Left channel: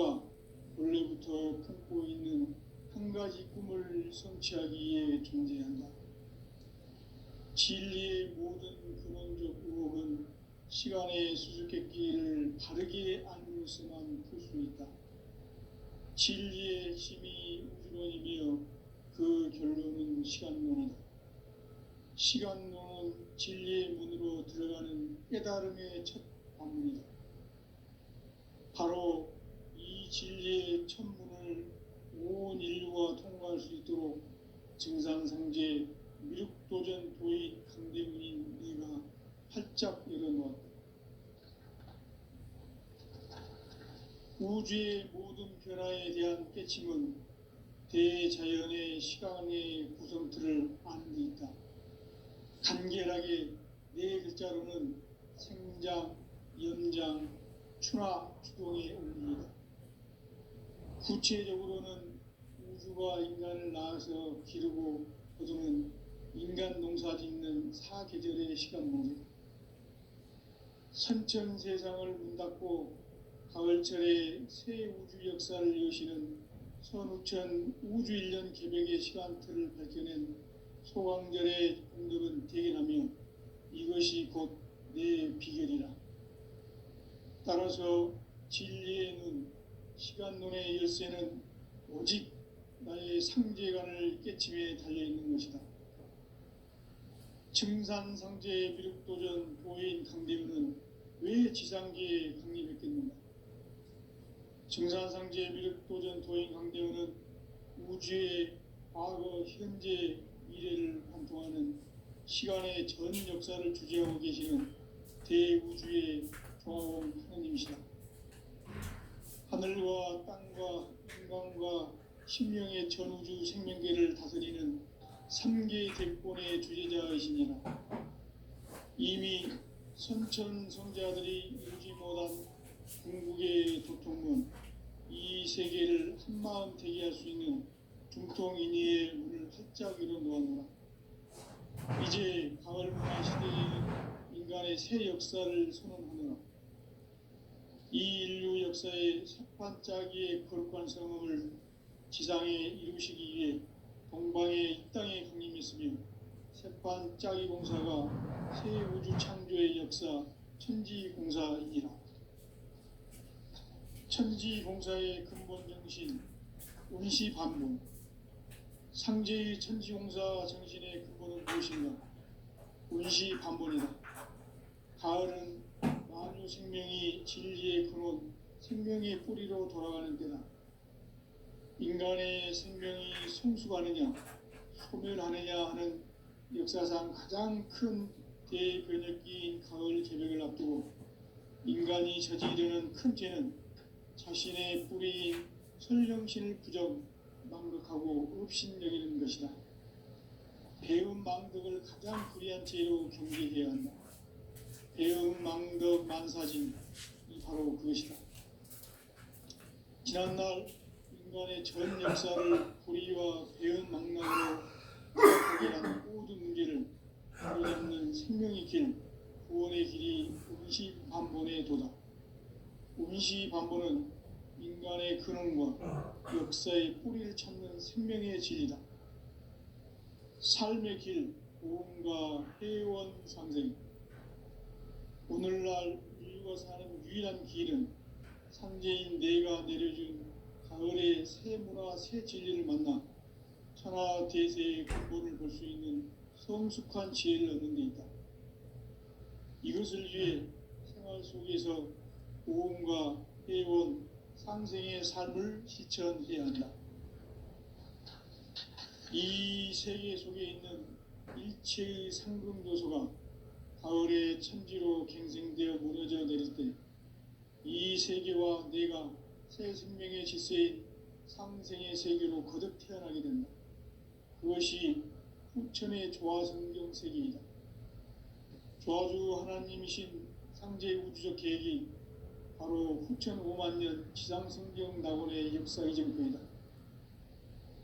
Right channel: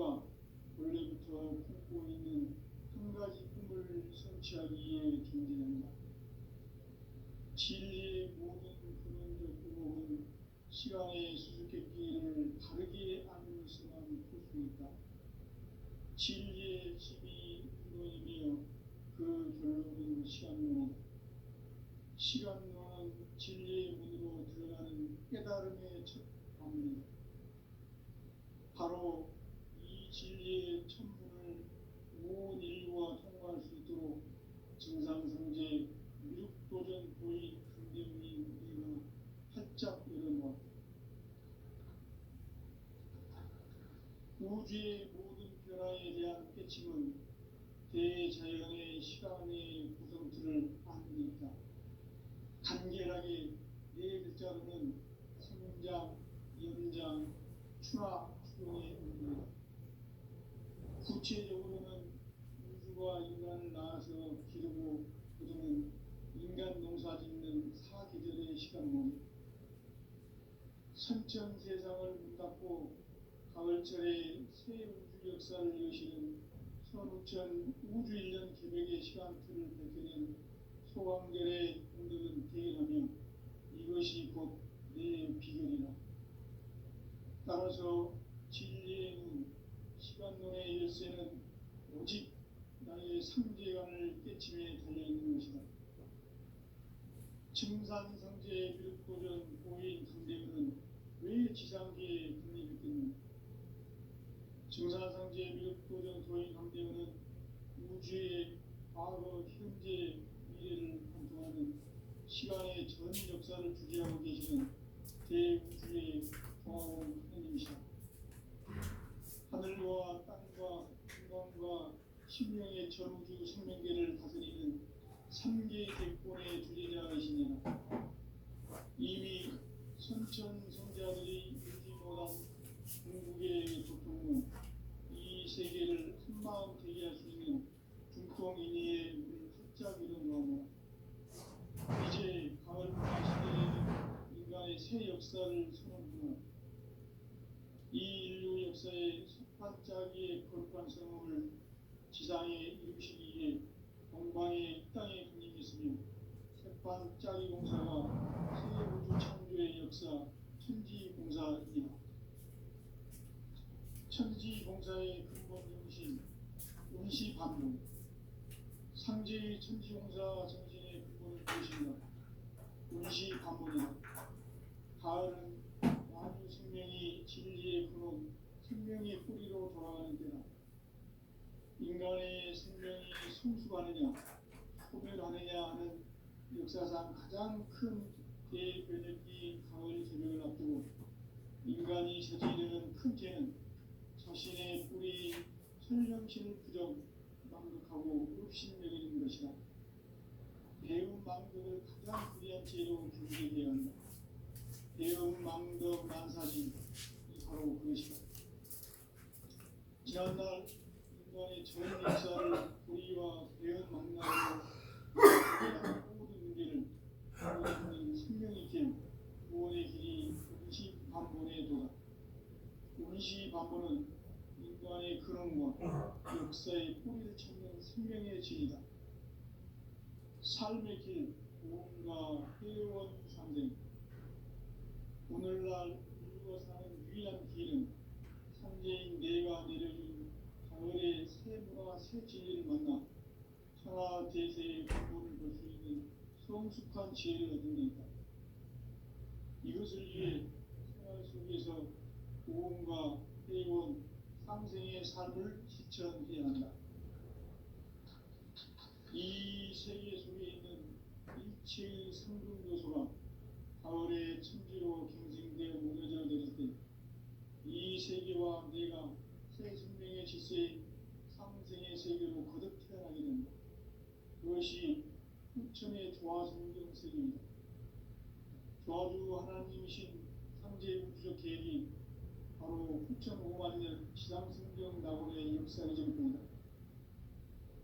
우주가 원래부터 품고 있는 한 가지 꿈을 성취하기 위해 존재한다. 진리의 모든 근원적 의혹은 시간의 수수께끼를 바르게 알므로서만 풀 수 있다. 진리의 핵심이 우주론이며 그 결론은 시간론이다. 시간론은 진리의 문으로 들어가는 깨달음의 첫 방문이다. 바로 이 진리의 첫 문을 온 인류가 통과할 수 있도록 증산상제 미륵도전 도인 강대문인 네가 활짝 열어놓았다. 우주의 모든 변화에 대한 깨침은 대자연의 시간의 구성틀을 아는 데 있다. 간결하게 네 글자로는 생장, 연장, 추나 추동의 원리이다. 구체적으로는 우주가 인간을 낳아서 기르고 거두는 인간 농사 짓는 사계절의 시간론이다. 선천 세상을 문 닫고 가을철에 새 우주 역사를 여시는 선우천 우주 1년 개벽의 시간틀을 밝혀낸 소강절의 공덕은 대견하며 이것이 곧 내 비결이라. 따라서 진리의 눈, 시간론의 열쇠는 오직 나의 상제관을 깨침에 달려있는 것이다. 증산상제의 미륵도전 도인 강대문은 왜 지상계에 강림했겠는가? 증산상제의 미륵도전 도인 강대문은 우주의 과거, 현재, 미래를 관통하는 시간의 전 역사를 주재하고 계시는 대우주의 조화원 하느님이시다. 하늘과 땅과 인간과 신명의 전우주 생명계를 다스리는 3개 대권의 주제자이시니라. 이미 선천성자들이 이루지 못한 궁극의 도통문, 이 세계를 한마음 되게 할 수 있는 중통인의의 문을 활짝 열어놓았노라. 이제 가을 문화 시대에 인간의 새 역사를 선언하노라. 이 인류 역사의 첫 반짝이의 거룩한 성음을 지상에 이루시기 위해 동방에 이 땅에 강림했으며 새반짝이 공사가 새 우주 창조의 역사 천지공사이니라. 천지공사의 근본 정신 운시반문. 상제의 천지공사 정신의 근본은 무엇인가? 운시반문이다. 가을은 만유 생명이 진리의 근원, 생명의 뿌리로 돌아가는 때다. 인간의 생명이 성숙하느냐, 소멸하느냐 하는 역사상 가장 큰 대변혁기인 가을 개벽을 앞두고 인간이 저지르는 큰 죄는 자신의 뿌리인 설령신을 부정, 망극하고 업신여기는 것이다. 배움 망덕을 가장 불의한 죄로 경계해야 한다. 배움 망덕 만사진이 바로 그것이다. 지난날 인간의 전 역사를 불의와 배움 망락으로 해결한 모든 문제를 바로잡는 생명의 길, 구원의 길이 운시반본의 도다. 운시반본은 인간의 근원과 역사의 뿌리를 찾는 생명의 진리다. 삶의 길, 보험과 회원 상생. 오늘날 인류가 사는 유일한 길은 상제인 내가 내려준 가을의 새 문화, 새 진리를 만나 천하 대세의 근본을 볼 수 있는 성숙한 지혜를 얻는 데 있다. 이것을 위해 생활 속에서 보험과 회원, 상생의 삶을 실천해야 한다. 이 세계 속에 있는 일체의 상금 요소가 가을의 천지로 갱생되어 무너져 내릴 때 이 세계와 내가 새 생명의 질서인 상생의 세계로 거듭 태어나게 된다. 그것이 후천의 조화성경 세계이다. 조화주 하나님이신 상제 우주적 계획이 바로 후천 5만 년 지상성경 낙원의 역사 이정표이다.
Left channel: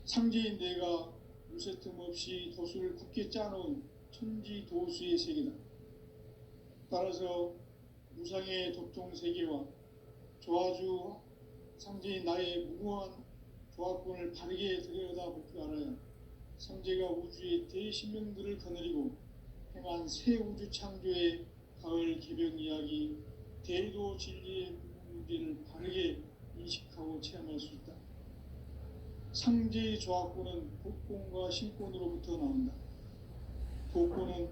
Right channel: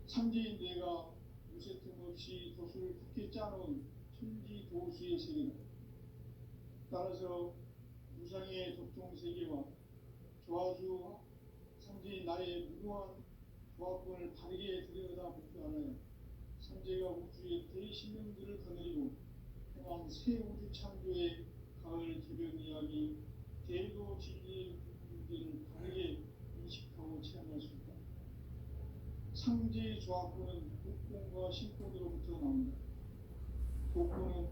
상제인 내가 무쇠 틈 없이 도수를 굳게 짜놓은 천지도수의 세계다. 따라서 무상의 도통 세계와 조화주 상제인 나의 무고한 조합권을 바르게 들여다보고 알아야 상제가 우주의 대신명들을 거느리고 행한 새 우주 창조의 가을 개벽 이야기, 대도 진리의 무게를 바르게 인식하고 체험할 수 있다. 상제의 조합권은 복권과 신권으로부터 나온다. 복권은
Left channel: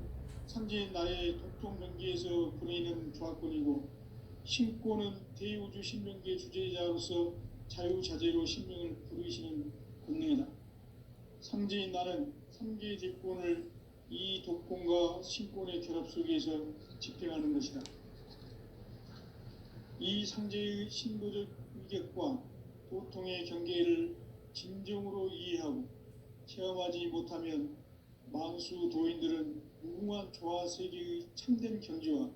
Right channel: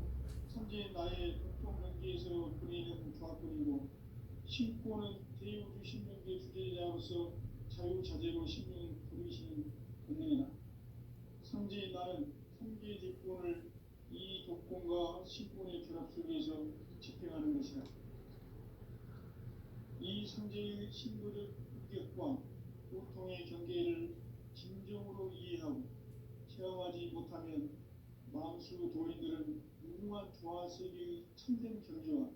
상제인 나의 독종 명기에서 보내는 조합권이고, 신권은 대우주 신명기의 주제자로서 자유자재로 신명을 부르시는 권능이다. 상제인 나는 상제의 직권을 이 독권과 신권의 결합 속에서 집행하는 것이다. 이 상제의 신도적 위격과 도통의 경계를 진정으로 이해하고 체험하지 못하면 만수 도인들은 무궁한 조화 세계의 참된 경지와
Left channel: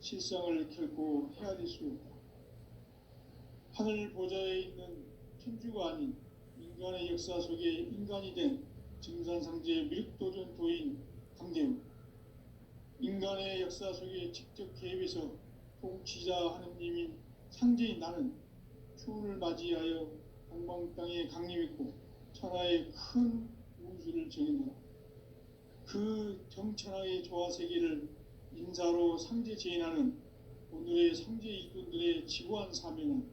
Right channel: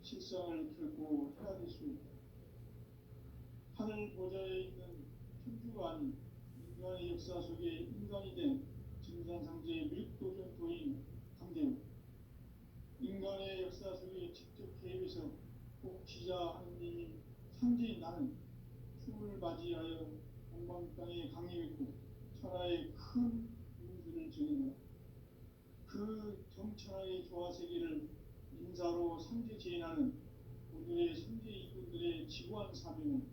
실상을 결코 헤아릴 수 없다. 하늘 보좌에 있는 천주가 아닌 인간의 역사 속에 인간이 된 증산상제의 미륵도전 도인 강대우, 인간의 역사 속에 직접 개입해서 통치자 하느님인 상제인 나는 추운을 맞이하여 동방 땅에 강림했고 천하의 큰 우주를 정의하라. 그 정천하의 조화 세계를 인사로 상제 제인하는 오늘의 상제 이꾼들의 지구한 사명은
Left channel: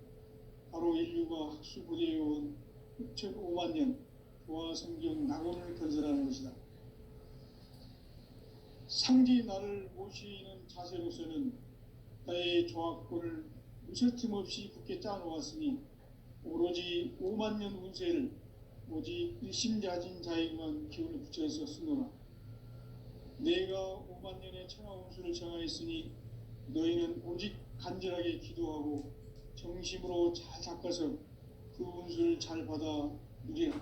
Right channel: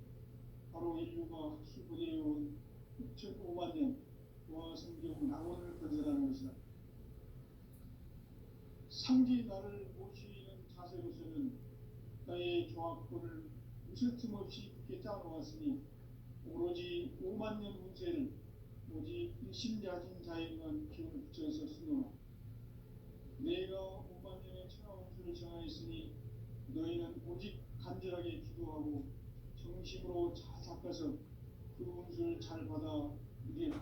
바로 인류가 학수 부대해온 6,500만 년 조화 성경 낙원을 건설하는 것이다. 상제인 나를 모시는 자세로서는 나의 조합권을 무쇠틈 없이 굳게 짜놓았으니 오로지 5만 년 운세를 오직 일심자진 자에게만 기운을 붙여서 쓰노라. 내가 5만 년의 천하 운수를 정하였으니 너희는 오직 간절하게 기도하고 정심으로 잘 닦아서 그 운수를 잘 받아 누리라.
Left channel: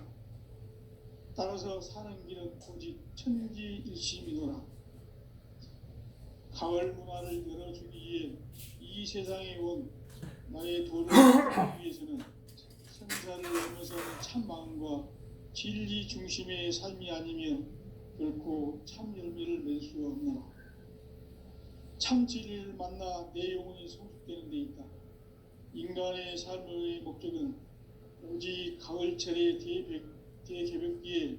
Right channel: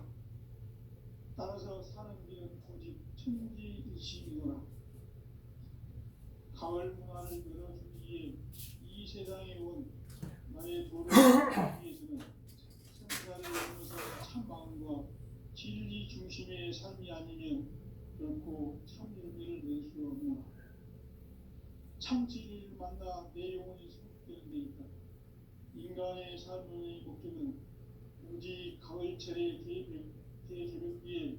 따라서 사는 길은 오직 천지일심이노라. 가을 문화를 열어주기 위해 이 세상에 온 나의 도를 이루기 위해서는 생사를 넘어서 참 마음과 진리 중심의 삶이 아니면 결코 참 열매를 낼 수 없노라. 참 진리를 만나 내 영혼이 성숙되는 데 있다. 인간의 삶의 목적은 오직 가을철의 대개벽기에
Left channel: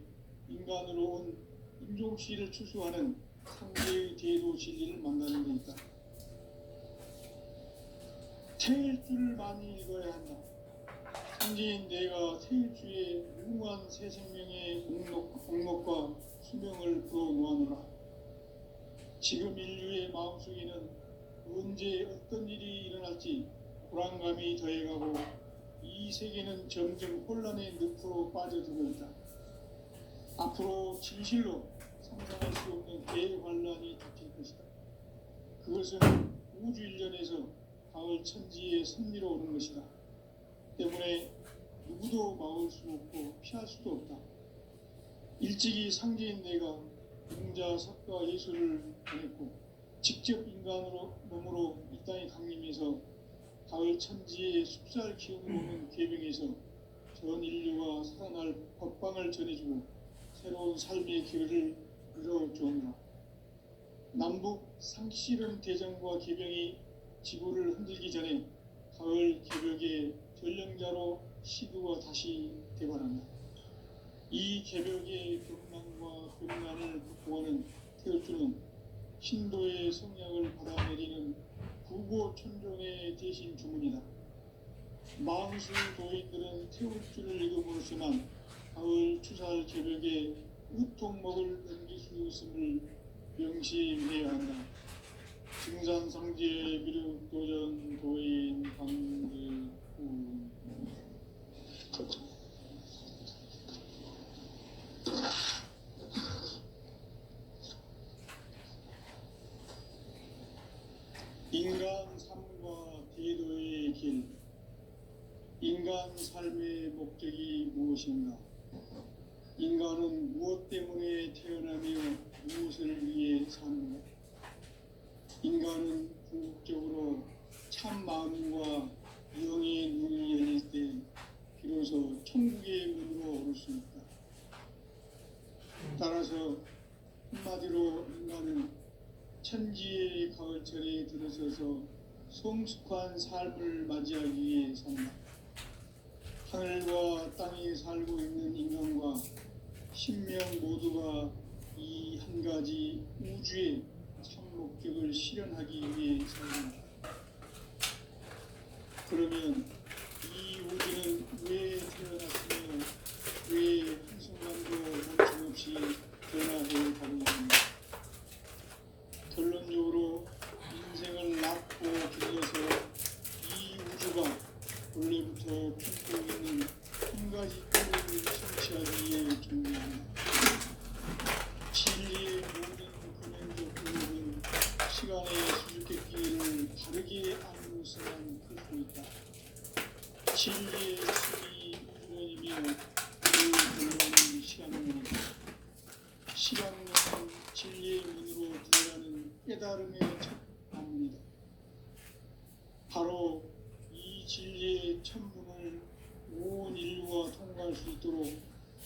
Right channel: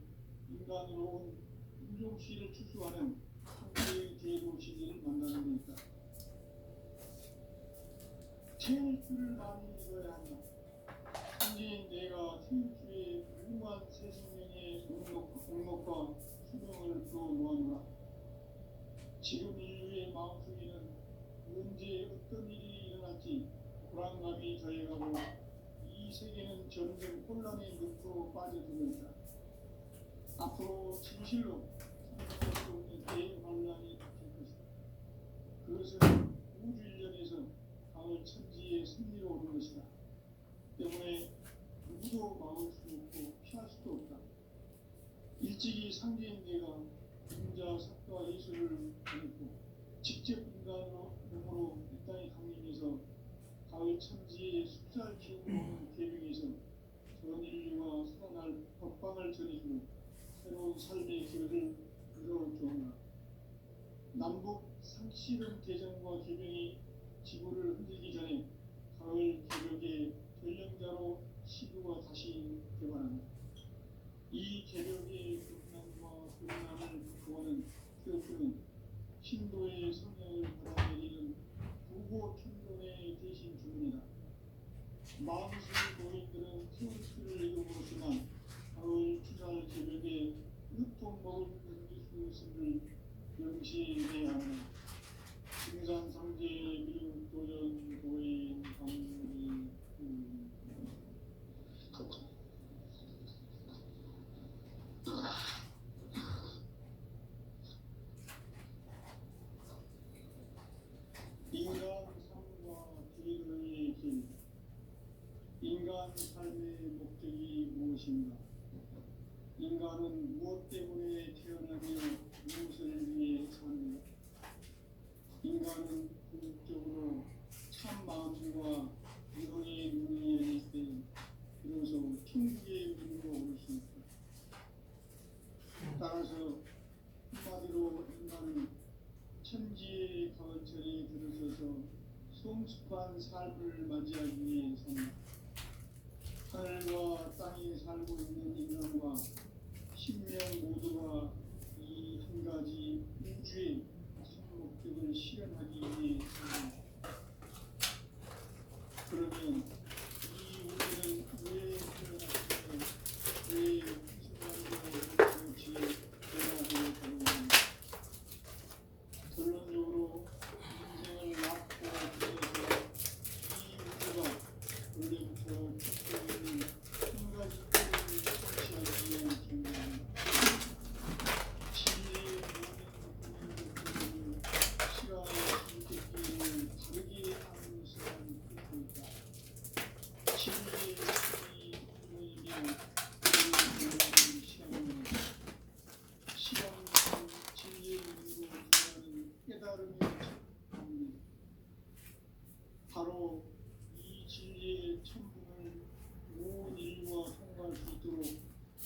인간으로 온 인종씨를 추수하는 상대의 대도 진리를 만나는 데 있다. 태일주를 많이 읽어야 한다. 상제인 내가 태일주의 무궁한 새 생명의 공목과 수명을 불어놓아노라. 지금 인류의 마음속에는 언제 어떤 일이 일어날지 불안감이 더해가고 이 세계는 점점 혼란의 늪으로 빠져들고 있다. 앞으로 진실로 상상할 수 없는 대환란이 닥칠 것이다. 그것은 우주 일련에서 가을 천지의 섭리로 오는 것이다. 때문에 누구도 막을 수 없고 피할 수도 없다. 일찍이 상제인 내가 공자, 석가, 예술을 보냈고 직접 인간으로 몸으로 이 땅에 강림해서 가을 천지의 숲살 기운을 오는 계명에서 전 인류가 살아날 법방을 전해주고 새로운 삶의 길을 열어주었나. 남북 상씨름 대전과 개병이 지구를 흔들기 전에 가을 개벽의 전령자로 시두가 다시 대발한다. 이 개벽의 경랑과 변란을 극복하는 태울주는 신도의 성향을 받아내리는 구고천종의 대신 주문이다. 만수 노인들은 태울주를 읽음으로써만 가을 추살 개벽에 우통먹을 넘길 수 있음을 명시해야 한다. 증산상제 미륵도전 도인 강대우. 인간 삶과 대도의 길. 인간 삶의 목적이 무엇인가? 인간은 무엇 때문에 태어나며 무엇을 위해 사는가? 인간은 궁극적으로 참 마음과 영의 눈이 열릴 때 비로소 천국의 문으로 오를 수 있다. 따라서 한마디로 인간은 천지의 가을철에 들어서서 성숙한 삶을 맞이하기 위해 산다. 땅에 살고 있는 인간과 신명 모두가 이 한 가지 우주의 참 목적을 실현하기 위해 살아갑니다. 그러면 이 우주는 왜 태어났으며 왜 한순간도 멈춤없이 변화해 가고 있는가? 결론적으로 인생을 낳고 길러서 이 우주가 원래부터 품고 있는 한 가지 꿈을 성취하기 위해 존재합니다. 진리의 모든 근원적 근원은 시간의 수수께끼를 다르게 아무것만 풀고 있다. 진리의 힘이 근원이며 그 근원은 시간입니다. 시간은 진리의 문으로 들어가는 깨달음의 문입니다. 바로 이 진리의 천문을 온 인류가 통과할 수 있도록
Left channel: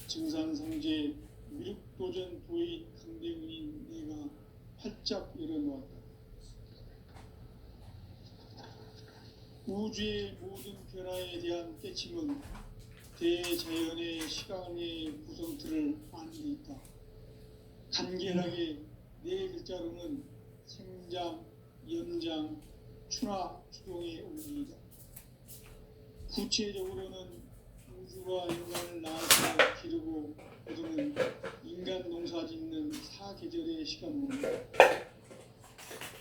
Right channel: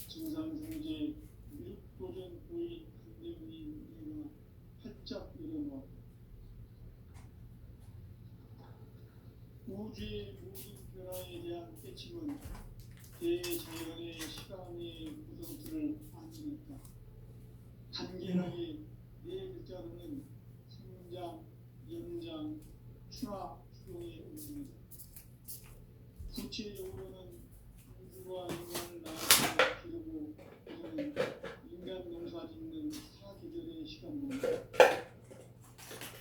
증산상제 미륵도전 도인 강대훈인 내가 활짝 열어놓았다. 우주의 모든 변화에 대한 깨침은 대자연의 시간의 구성틀을 아는 있다. 간결하게 네 글자로는 생장, 연장, 추나 추동의 원리이다. 구체적으로는 우주가 인간을 낳고 기르고 거두는 인간 농사 짓는 사계절의 시간입니다.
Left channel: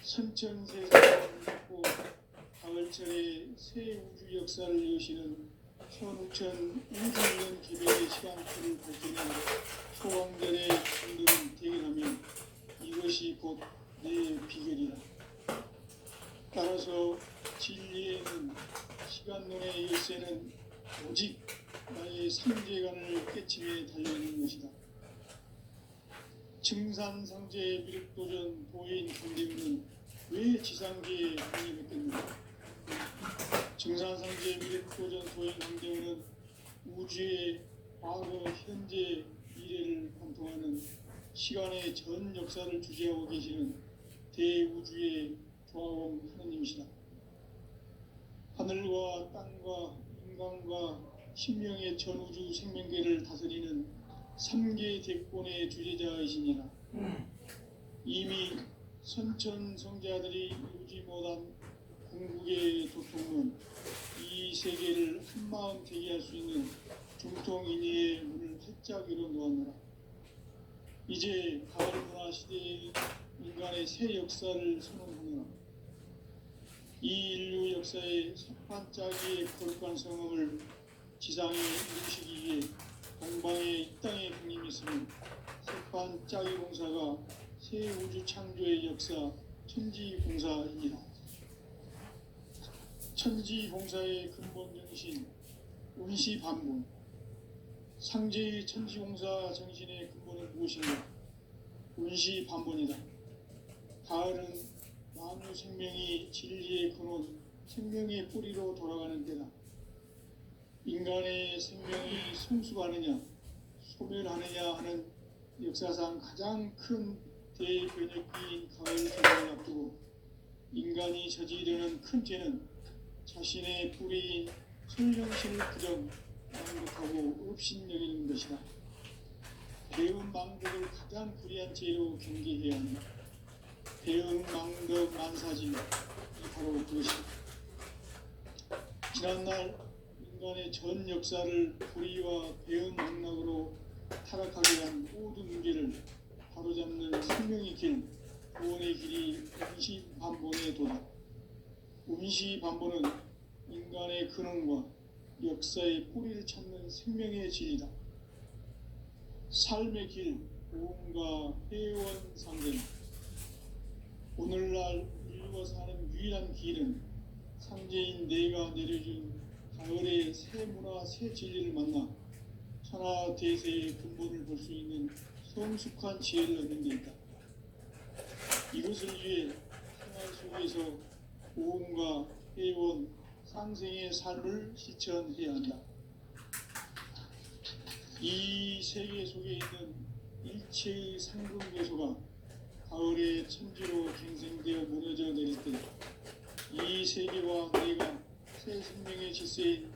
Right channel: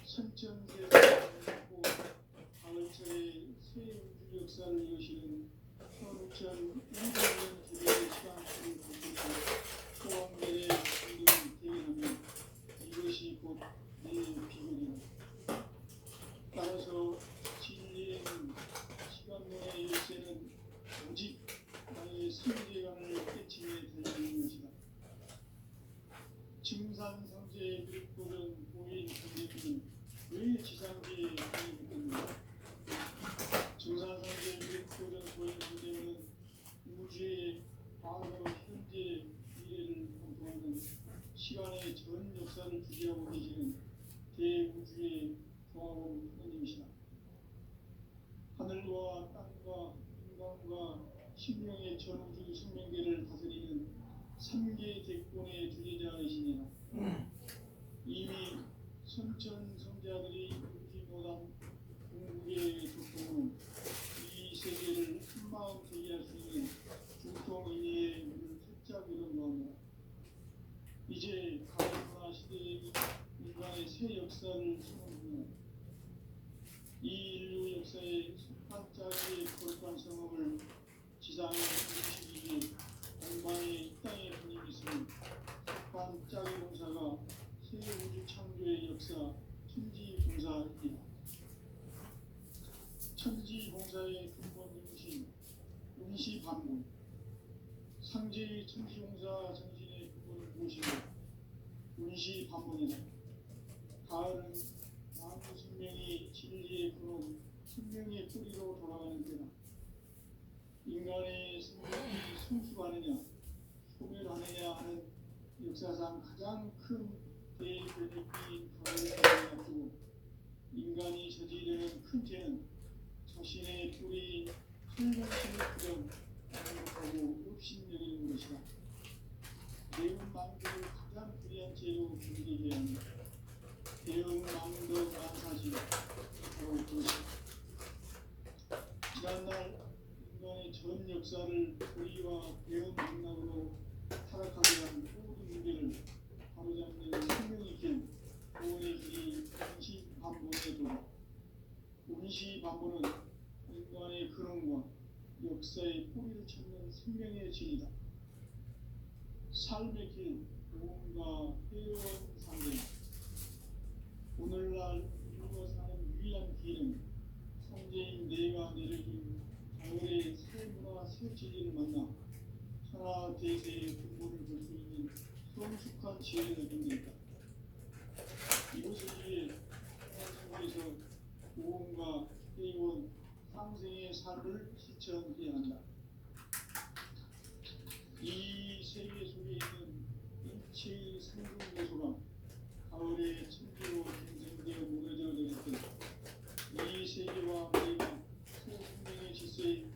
선천세상을 맺고 가을철에 새 우주 역사를 여시는 선우천 우주년 개별의 시간표를 밝히는 소왕절의 분들은 대결하며 이것이 곧 내 비결이다. 따라서 진리에는 시간론의 열쇠는 오직 나의 삼재간을 깨침에 달려있는 것이다. 증산상제의 미륵도전 도인 강대훈은 왜 지상계에 독립했겠는가? 증산상제의 미륵도전 도인 강대훈은 우주의 과거, 현재, 미래를 관통하는 시간의 전 역사를 주재하고 계시는 대우주의 조화원 하나님이시다. 하늘과 땅과 인간과 신명의 전우주 생명계를 다스리는 3개 대권의 주제자이시니라. 이미 선천성자들이 이루지 못한 궁극의 도통은 이 세계를 한마음 되게 할 수 있는 중통인의의 문을 활짝 열어놓았노라. 이제 가을문화 시대의 인간의 새 역사를 선언하노라. 이 인류 역사의 첫 반짝이의 거룩한 성음을 지상에 이루시기 위해 동방의 이 땅에 군림했으니 첫 반짝이 공사가 새 우주 창조의 역사 천지공사이니라. 천지공사의 근본 정신 운시반본. 상제의 천지공사 정신의 근본은 무엇인가? 운시반본이다. 가을은 나무 생명이 진리의 근원, 생명의 뿌리로 돌아가는 때다. 인간의 생명이 성숙하느냐, 소멸하느냐 하는 역사상 가장 큰 대변혁기인 가을 개성을 앞두고 인간이 저지르는 큰 죄는 자신의 뿌리인 천년실 부정, 망독하고 업신여기는 것이다. 배운 망독을 가장 불의한 죄로 경계해야 합니다. 배운 망덕 만사진 바로 그것이다. 지난날 인간의 전 역사를 불의와 배운 망락으로 타락하게 한 모든 문제를 바로잡는 생명의 길, 구원의 길이 운시반본의 도다. 운시반본은 인간의 근원과 역사의 뿌리를 찾는 생명의 진이다. 삶의 길, 보험과 회원 상생. 오늘날 인류가 사는 유일한 길은 상제인 내가 내려준 가을의 새 문화, 새 진리를 만나 천하 대세의 근본을 볼 수 있는 성숙한 지혜를 얻는 데 있다. 이것을 위해 생활 속에서 보험과 회원, 상생의 삶을 실천해야 한다. 이 세계 속에 있는 일체의 상금괴소가 가을의 천지로 갱생되어 무너져 내릴 때 이 세계와 내가 새 생명의 질서인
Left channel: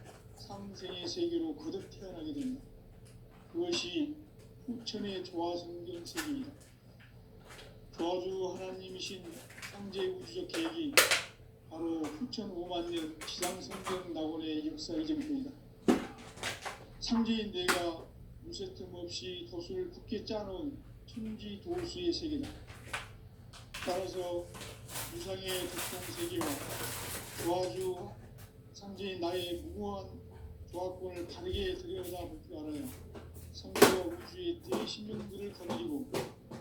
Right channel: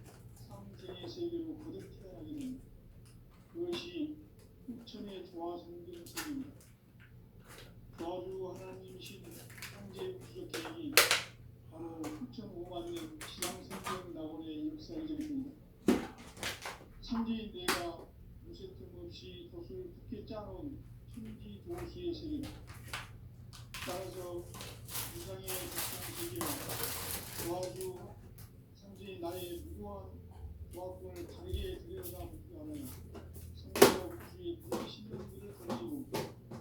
상생의 세계로 거듭 태어나게 됩니다. 그것이 후천의 조화성경 세계입니다. 조화주 하나님이신 창제 우주적 계획이 바로 후천 5만 년 지상성경 낙원의 역사의 전부입니다. 상제인 내가 무쇠틈 없이 돛을 굳게 짜놓은 천지 도수의 세계다. 따라서 유상의 독성 세계와 조화주 상제인 나의 무고한 조화권을 바르게 들여다볼 줄 알아야 성경 우주의 대신령들을 건지고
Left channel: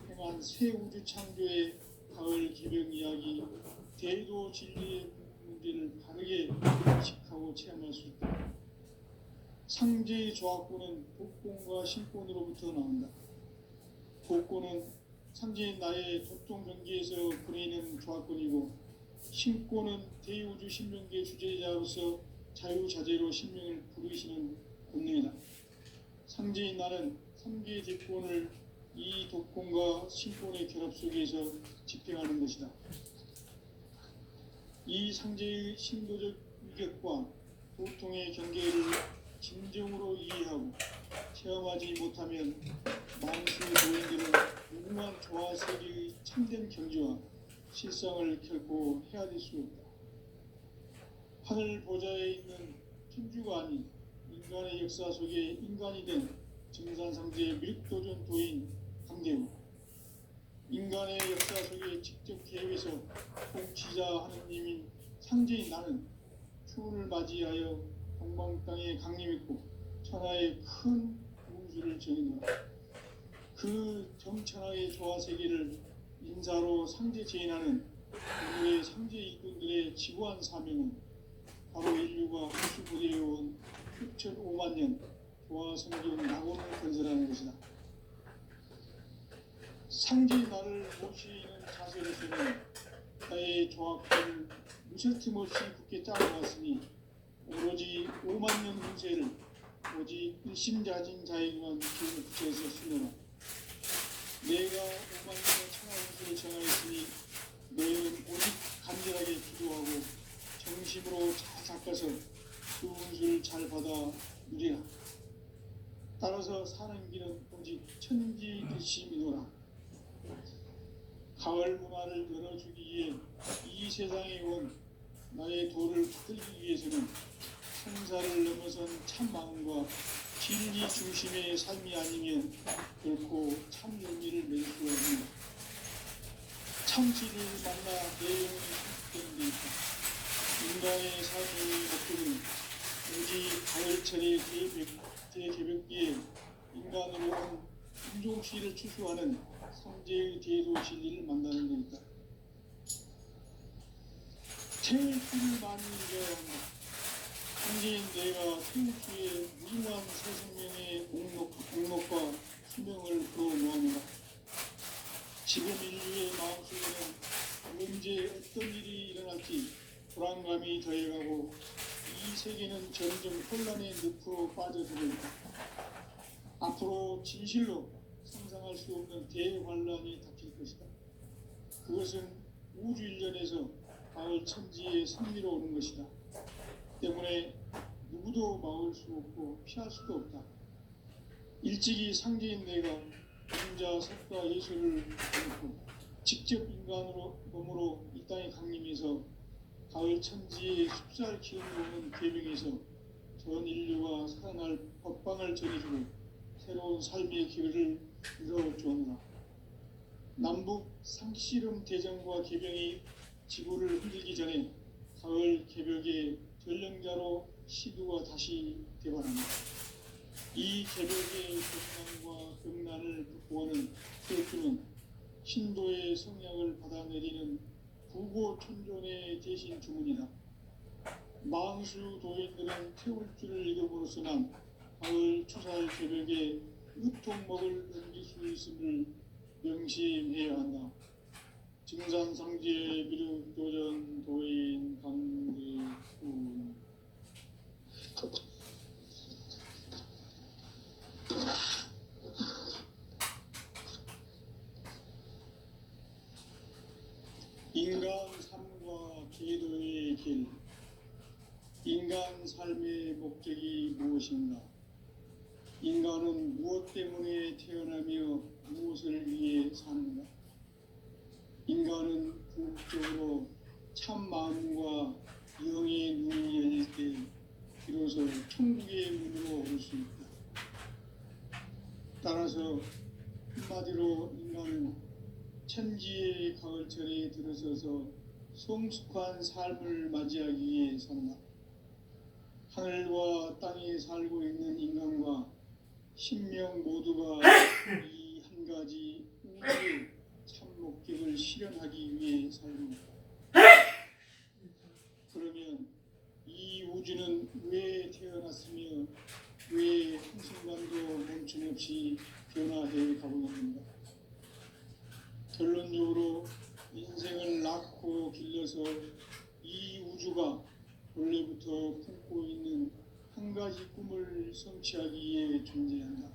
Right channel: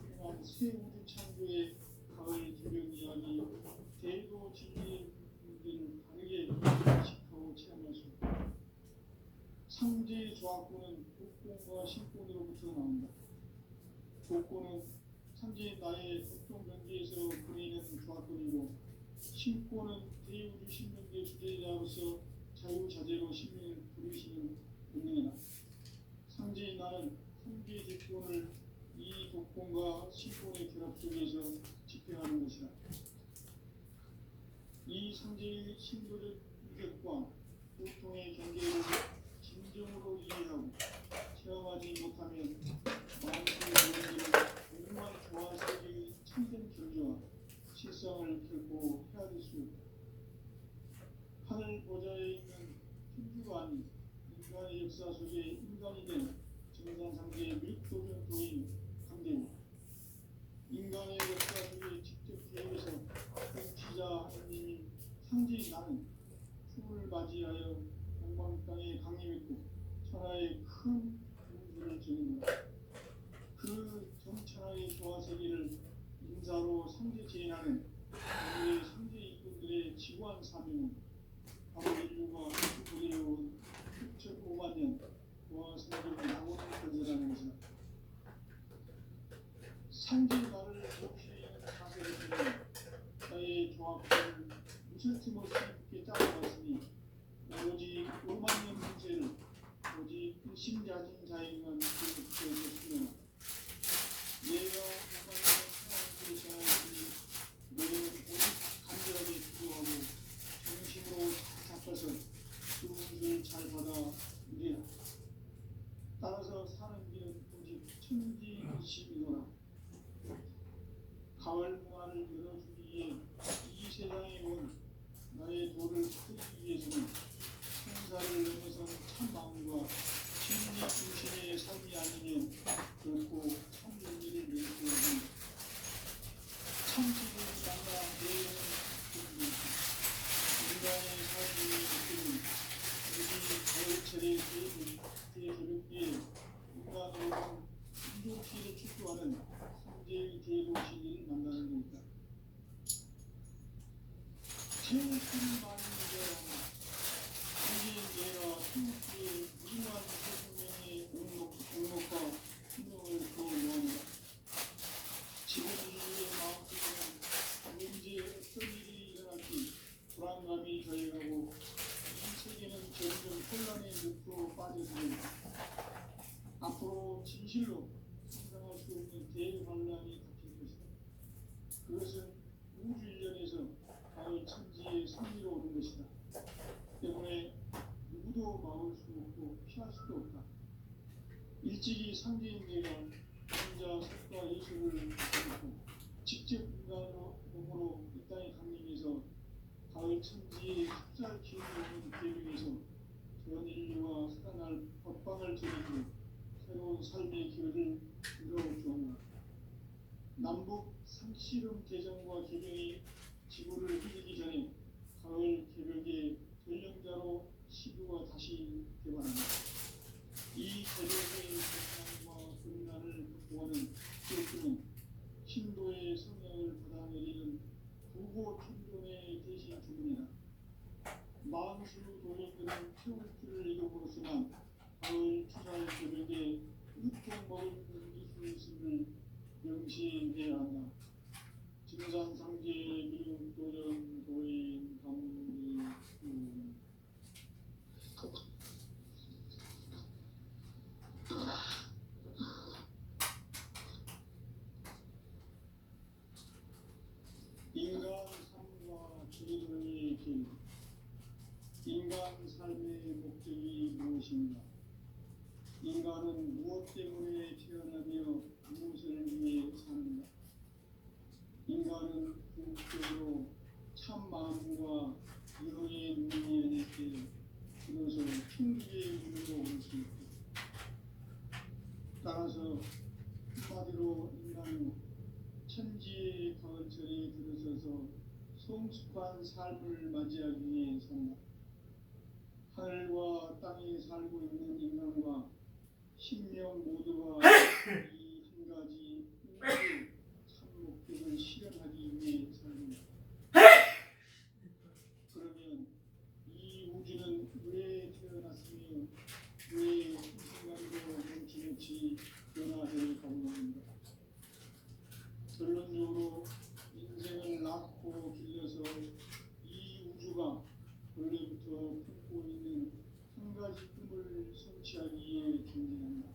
행한 새 우주 창조의 가을 기병 이야기 대도 진리의 문제를 바르게 인식하고 체험할 수 있다. 상제의 조화권은 독권과 신권으로부터 나온다. 독권은 상제인 나의 독종 경계에서 보내는 조화권이고, 신권은 대우주 신명계 주제자로서 자유자재로 신명을 부르시는 본능이다. 상제인 나는 3개의 대권을 이 독권과 신권의 결합 속에서 집행하는 것이다. 이 상제의 신도적 위격과 보통의 경계를 진정으로 이해하고 체험하지 못하면 만수 도인들은 무궁한 조화 세계의 참된 경지와 실상을 결코 헤아릴 수 없다. 하늘 보좌에 있는 천주가 아닌 인간의 역사 속에 인간이 된 증산상제의 밀도전 도인 강대우, 인간의 역사 속에 직접 개입해서 통치자 하느님인 상제인 나는 추운을 맞이하여 동방 땅에 강림했고 천하의 큰 우주를 정의노라. 그 정천하의 조화 세계를 인사로 상제 제인하는 인류의 상제 일꾼들의 지구한 사명은 바로 인류가 우주부대해온 6,5만 년 조화 성경 낙원을 건설하는 것이다. 상제 나를 모시는 자세로서는 나의 조화권을 무쇠틈 없이 굳게 짜놓았으니 오로지 5만 년 문세를 오직 일심자진 자에게만 기억해서 쓰노라. 내가 5만 년의 천하운수를 정하였으니 너희는 오직 간절하게 기도하고 정심으로 잘 닦아서 그 운수를 잘 받아 누리라. 따라서 사는 길은 오직 천지 듯이 믿어라. 가을 문화를 열어주기 위해 이 세상에 온 나의 도를 붙들기 위해서는 성사를 넘어선 참 마음과 진리 중심의 삶이 아니면 결코 참 의미를 맺을 수 없는 참지를 만나 내 영혼이 바뀌는 데 있다. 인간의 삶의 목표는 오직 가을철의 대개벽기에 인간으로 온 인종시를 추수하는 상제의 대도 진리를 만나는 것이다. 태일꾼이 많은 자였다. 상제인 내가 태일주의 무궁한 새 생명의 공목과 수명을 불어모아노라. 지금 인류의 마음속에는 언제 어떤 일이 일어날지 불안감이 더해가고 이 세계는 점점 혼란의 늪으로 빠져들어있다. 앞으로 진실로 상상할 수 없는 대환란이 닥칠 것이다. 그것은 우주 일전에서 가을 천지의 승리로 오는 것이다. 때문에 누구도 막을 수 없고 피할 수도 없다. 일찍이 상제인 내가 혼자 색과 예술을 보고 직접 인간으로 몸으로 이 땅에 강림해서 가을 천지의 숲살 기운을 오는 계명에서 전 인류가 살아날 법방을 전해주고 새로운 삶의 기회를 이뤄주었노라. 남북 상씨름 대전과 개병이 지구를 흔들기 전에 가을 개벽의 전령자로 시두가 다시 되어간다. 이 개벽의 경난과 극난을 극복하는 태일주는 신도의 성향을 받아내리는 부고 천존의 대신 주문이다. 만수 도인들은 태울주를 읽음으로써만 가을 추살 개벽에 으통먹을 넘길 수 있음을 명심해야 한다. 증산상제 미륵도전 도인 강대우. 인간 삶과 기도의 길. 인간 삶의 목적이 것인가? 인간은 무엇 때문에 태어나며 무엇을 위해 사는가? 인간은 궁극적으로 참 마음과 영의 눈이 열릴 때 비로소 천국의 문으로 올 수 있다. 따라서 한마디로 인간은 천지의 가을철에 들어서서 성숙한 삶을 맞이하기 위해 산다. 하늘과 땅에 살고 있는 인간과 신명 모두가 이 한 가지 우주의 참 목적을 실현하기 위해 살고 있다. 그러면 이 우주는 왜 태어났으며 왜 한순간도 멈춤없이 변화해 가고 있는가? 결론적으로 인생을 낳고 길러서 이 우주가 원래부터 품고 있는 한 가지 꿈을 성취하기 위해 존재한다.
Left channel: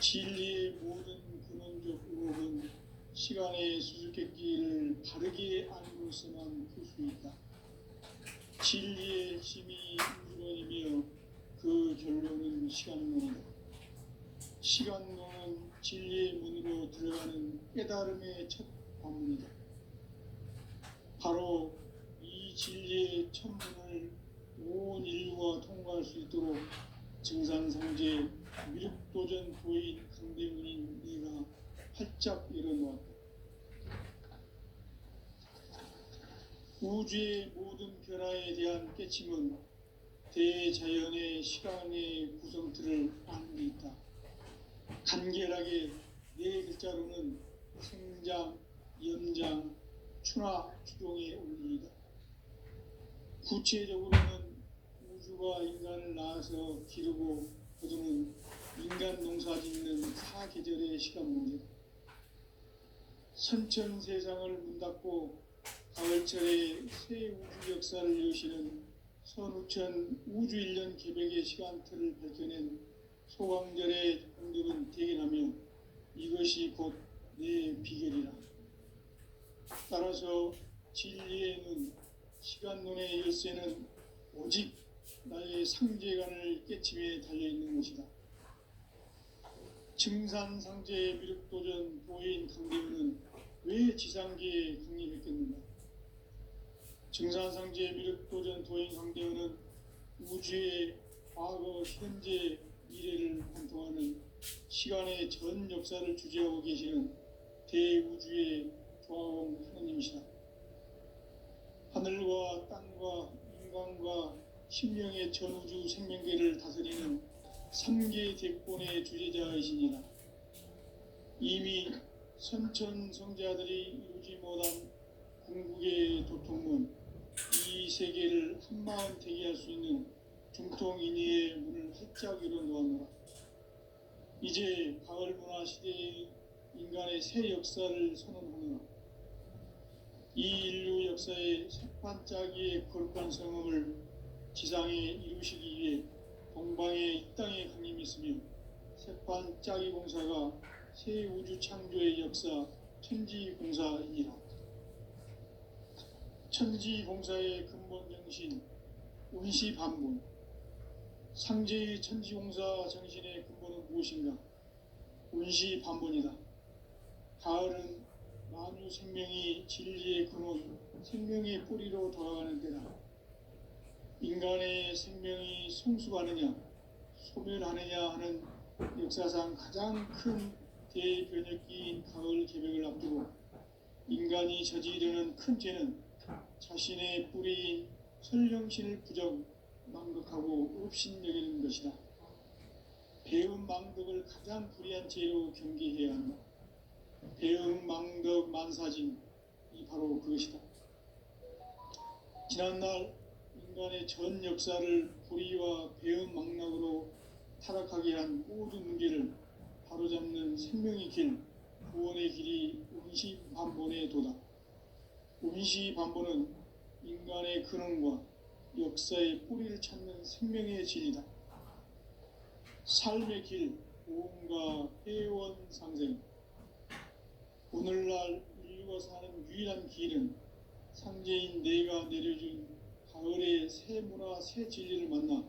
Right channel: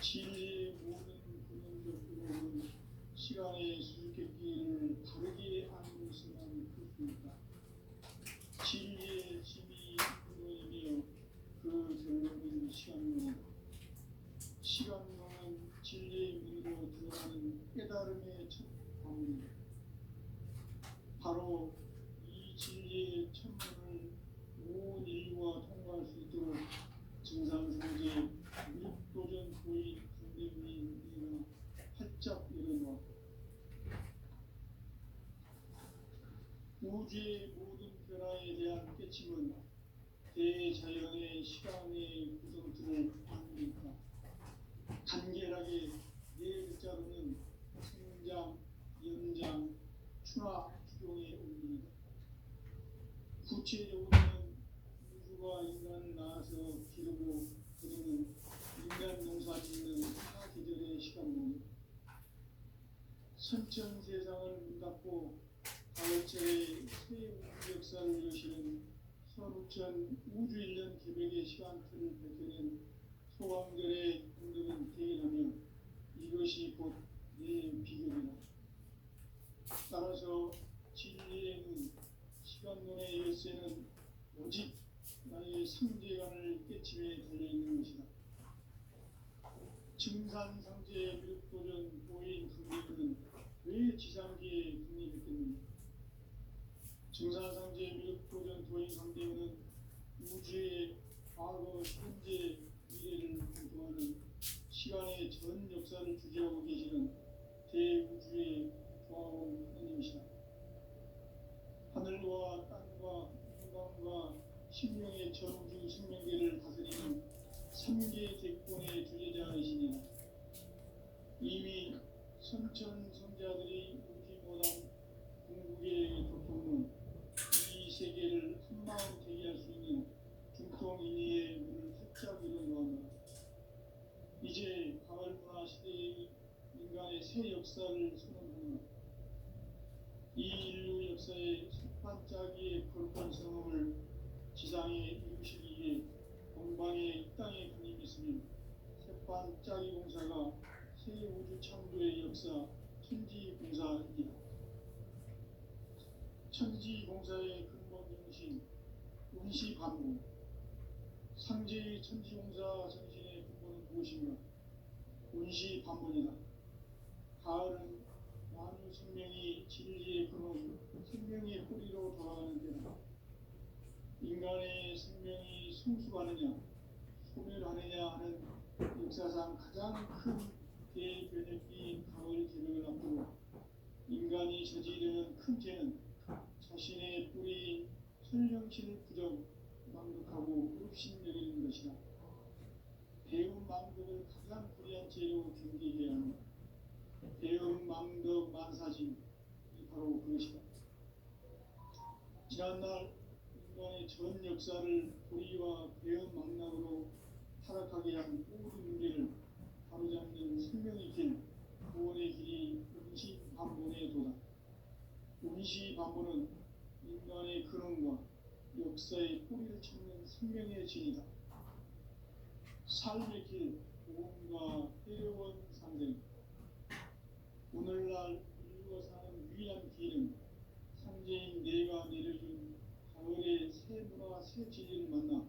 진리의 모든 근원적 의혹은 시간의 수수께끼를 바르게 안으로서만 풀 수 있다. 진리의 핵심이 우주론이며 그 결론은 시간론이다. 시간론은 진리의 문으로 들어가는 깨달음의 첫 관문이다. 바로 이 진리의 첫 문을 온 인류가 통과할 수 있도록 증산상제 미륵도전 도인 강대문인 내가 활짝 열어놓았다. 우주의 모든 변화에 대한 깨침은 대자연의 시간의 구성틀을 아는 데 있다. 간결하게 네 글자로는 생장, 연장, 추나 추동의 원리이다. 구체적으로는 우주가 인간을 낳아서 기르고 거두는 인간 농사 짓는 사계절의 시간 문제다. 선천 세상을 문 닫고 가을철에 새 우주 역사를 여시는 선우천 우주 1년 개백의 시간틀을 밝혀낸 소강절의 작품들은 대견하며 이것이 곧 내 비결이라. 따라서 진리의 눈, 시간론의 열쇠는 오직 나의 상제관을 깨침에 달려있는 것이다. 증산상제의 미륵도전 도인 강대문은 왜 지상계에 강림했겠는가? 증산상제의 미륵도전 도인 강대문은 우주의 과거, 현재, 미래를 관통하는 시간의 전 역사를 주재하고 계시는 대우주의 조화원 하나님이시다. 하늘과 땅과 인간과 신명의 전우주 생명계를 다스리는 3계 대권의 주제자이시니라. 이미 선천 성자들이 이루지 못한 궁극의 도통문, 이 세계를 한마음 되게 할 수 있는 중통인의의 문을 활짝 열어놓았노라. 이제 가을 문화 시대의 인간의 새 역사를 선언하노라. 이 인류 역사의 첫 반짝이의 거룩한 성음을 지상에 이루시기 위해 동방의 이 땅에 강림했으며 새반짝이 공사가 새 우주 창조의 역사 천지공사이라. 천지공사의 근본 정신 운시반문. 상제의 천지공사 정신의 근본은 무엇인가? 운시반문이다. 가을은 만유 생명이 진리의 근원, 생명의 뿌리로 돌아가는 때다. 인간의 생명이 성숙하느냐, 소멸하느냐 하는 역사상 가장 큰 대변혁기인 가을 개벽을 앞두고 인간이 저지르는 큰 죄는 자신의 뿌리인 설령신을 부정, 망덕하고 업신여기는 것이다. 배움 망덕을 가장 불의한 죄로 경계해야 한다. 배움 망덕 만사진이 바로 그것이다. 지난날 인간의 전 역사를 불의와 배움 망락으로 타락하게 한 모든 문제를 바로잡는 생명의 길, 구원의 길이 운시반본의 도다. 운시반본은 인간의 근원과 역사의 뿌리를 찾는 생명의 진리다. 삶의 길, 보험과 회원 상생. 오늘날 인류가 사는 유일한 길은 상제인 내가 내려준 가을의 새 문화, 새 진리를 만나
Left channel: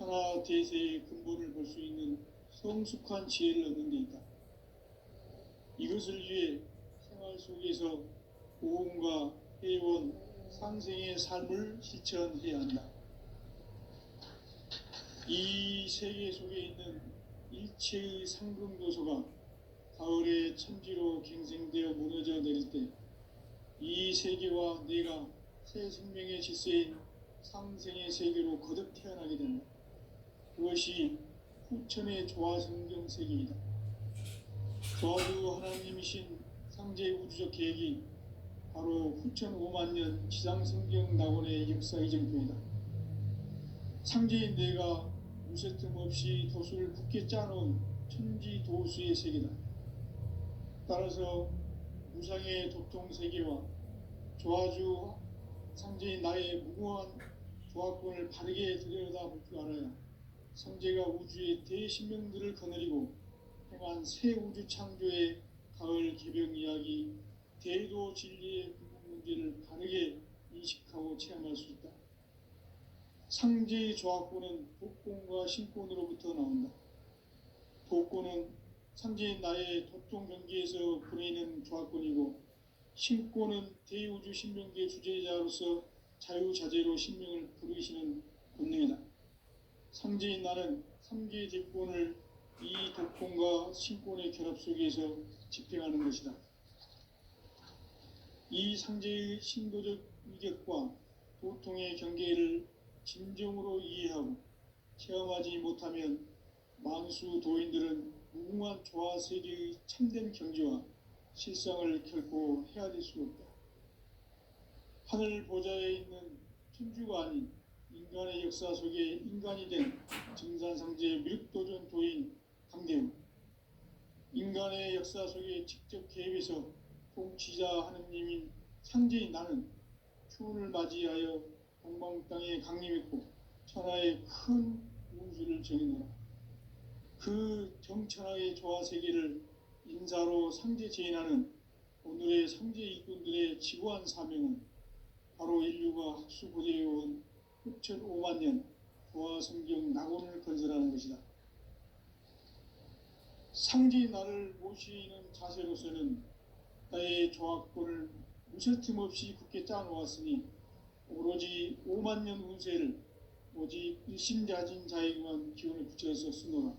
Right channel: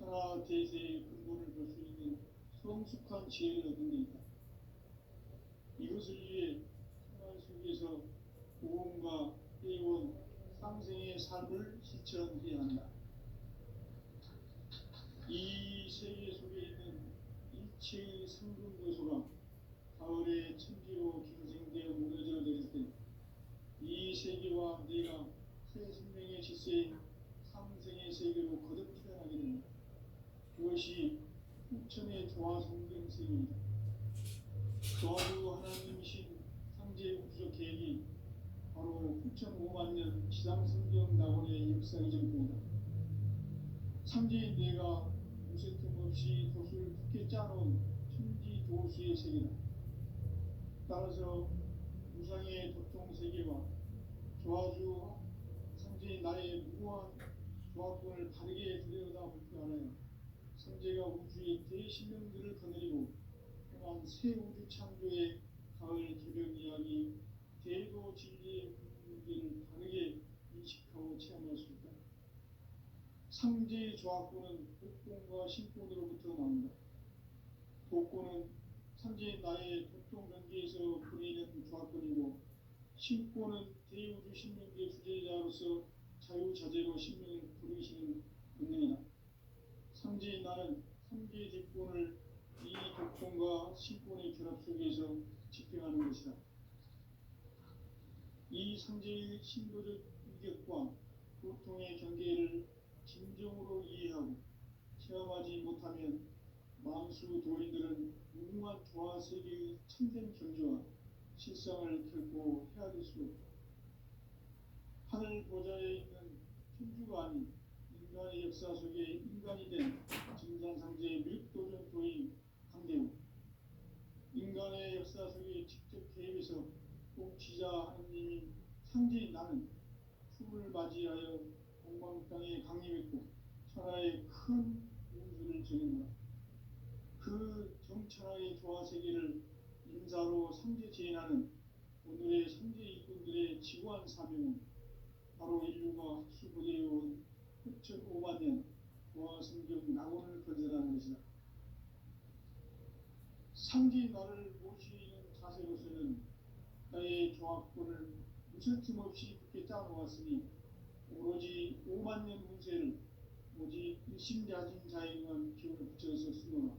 천하 대세의 근본을 볼 수 있는 성숙한 지혜를 얻는 데 있다. 이것을 위해 생활 속에서 보험과 회원, 상생의 삶을 실천해야 한다. 이 세계 속에 있는 일체의 상금도서가 가을의 천지로 갱생되어 무너져 내릴 때 이 세계와 내가 새 생명의 질서인 상생의 세계로 거듭 태어나게 된다. 그것이 후천의 조화성경 세계이다. 조화주 하나님이신 상제 우주적 계획이 바로 후천 5만 년 지상성경 낙원의 역사 이정표이다. 상제인 내가 무쇠틈 없이 도수를 굳게 짜놓은 천지 도수의 세계다. 따라서 무상의 도통 세계와 조화주 상제인 나의 무고한 조화권을 바르게 들여다볼 줄 알아야 상제가 우주의 대신명들을 거느리고 행한 새 우주 창조의 가을 개벽 이야기, 대도 진리의 문제를 바르게 인식하고 체험할 수 있다. 상제의 조화권은 독권과 신권으로부터 나온다. 독권은 상제인 나의 도통 경계에서 보내는 조화권이고, 신권은 대우주 신명계의 주제자로서 자유자재로 신명을 부르시는 본능이다. 상제인 나는 3개의 대권을 이 독권과 신권의 결합 속에서 집행하는 것이다. 이 상제의 신도적 위격과 도통의 경계를 진정으로 이해하고 체험하지 못하면 만수 도인들은 무궁한 조화 세계의 참된 경지와 실상을 결코 헤아릴 수 없다. 하늘 보좌에 있는 천주가 아닌 인간의 역사 속에 인간이 된 증산상제의 밀도전 도인 강대우, 인간의 역사 속에 직접 개입해서 통치자 하느님인 상제인 나는 추운을 맞이하여 동방 땅에 강림했고 천하의 큰 운수를 정해놓아 그 정천하의 조화 세계를 인사로 상제 제인하는 오늘의 상제 일꾼들의 지구한 사명은 바로 인류가 학수고대해온 후천 5만 년 조화 성경 낙원을 건설하는 것이다. 상제 나를 모시는 자세로서는 나의 조화권을 무쇠틈 없이 굳게 짜놓았으니 오로지 5만 년 운세를 오직 일심자진 자에게만 기운을 붙여서 쓰노라.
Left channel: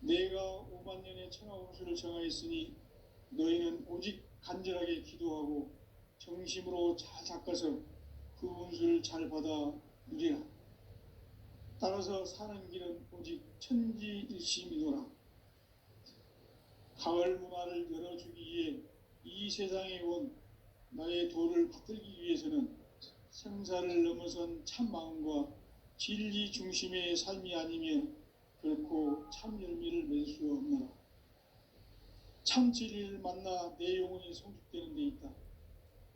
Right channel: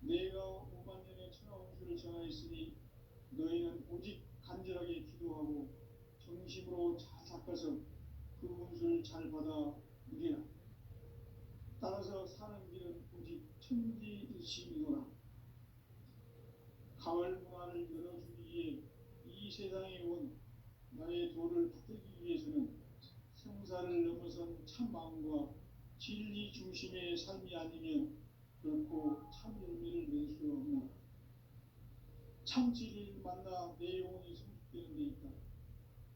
내가 5만 년의 천하 운수를 정하였으니 너희는 오직 간절하게 기도하고 정심으로 잘 닦아서 그 운수를 잘 받아 누리라. 따라서 사는 길은 오직 천지일심이노라. 가을 문화를 열어주기 위해 이 세상에 온 나의 도를 받들기 위해서는 생사를 넘어선 참 마음과 진리 중심의 삶이 아니면 결코 참 열매를 맺을 수 없노라. 참 진리를 만나 내 영혼이 성숙되는 데 있다.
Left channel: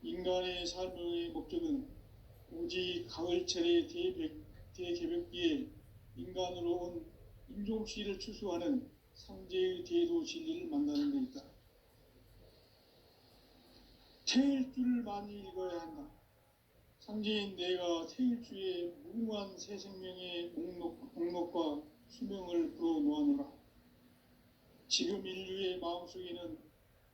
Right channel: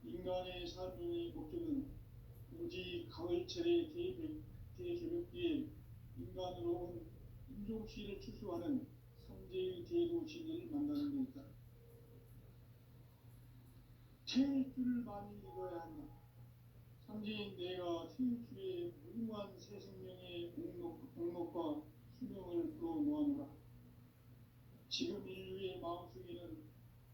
인간의 삶의 목적은 오직 가을철의 대개벽기에 인간으로 온 인종씨를 추수하는 상제의 대도 진리를 만나는 데 있다. 태일주를 많이 읽어야 한다. 상제인 내가 태일주의 무궁한 새 생명의 목록과 수명을 불어놓아노라. 지금 인류의 마음속에는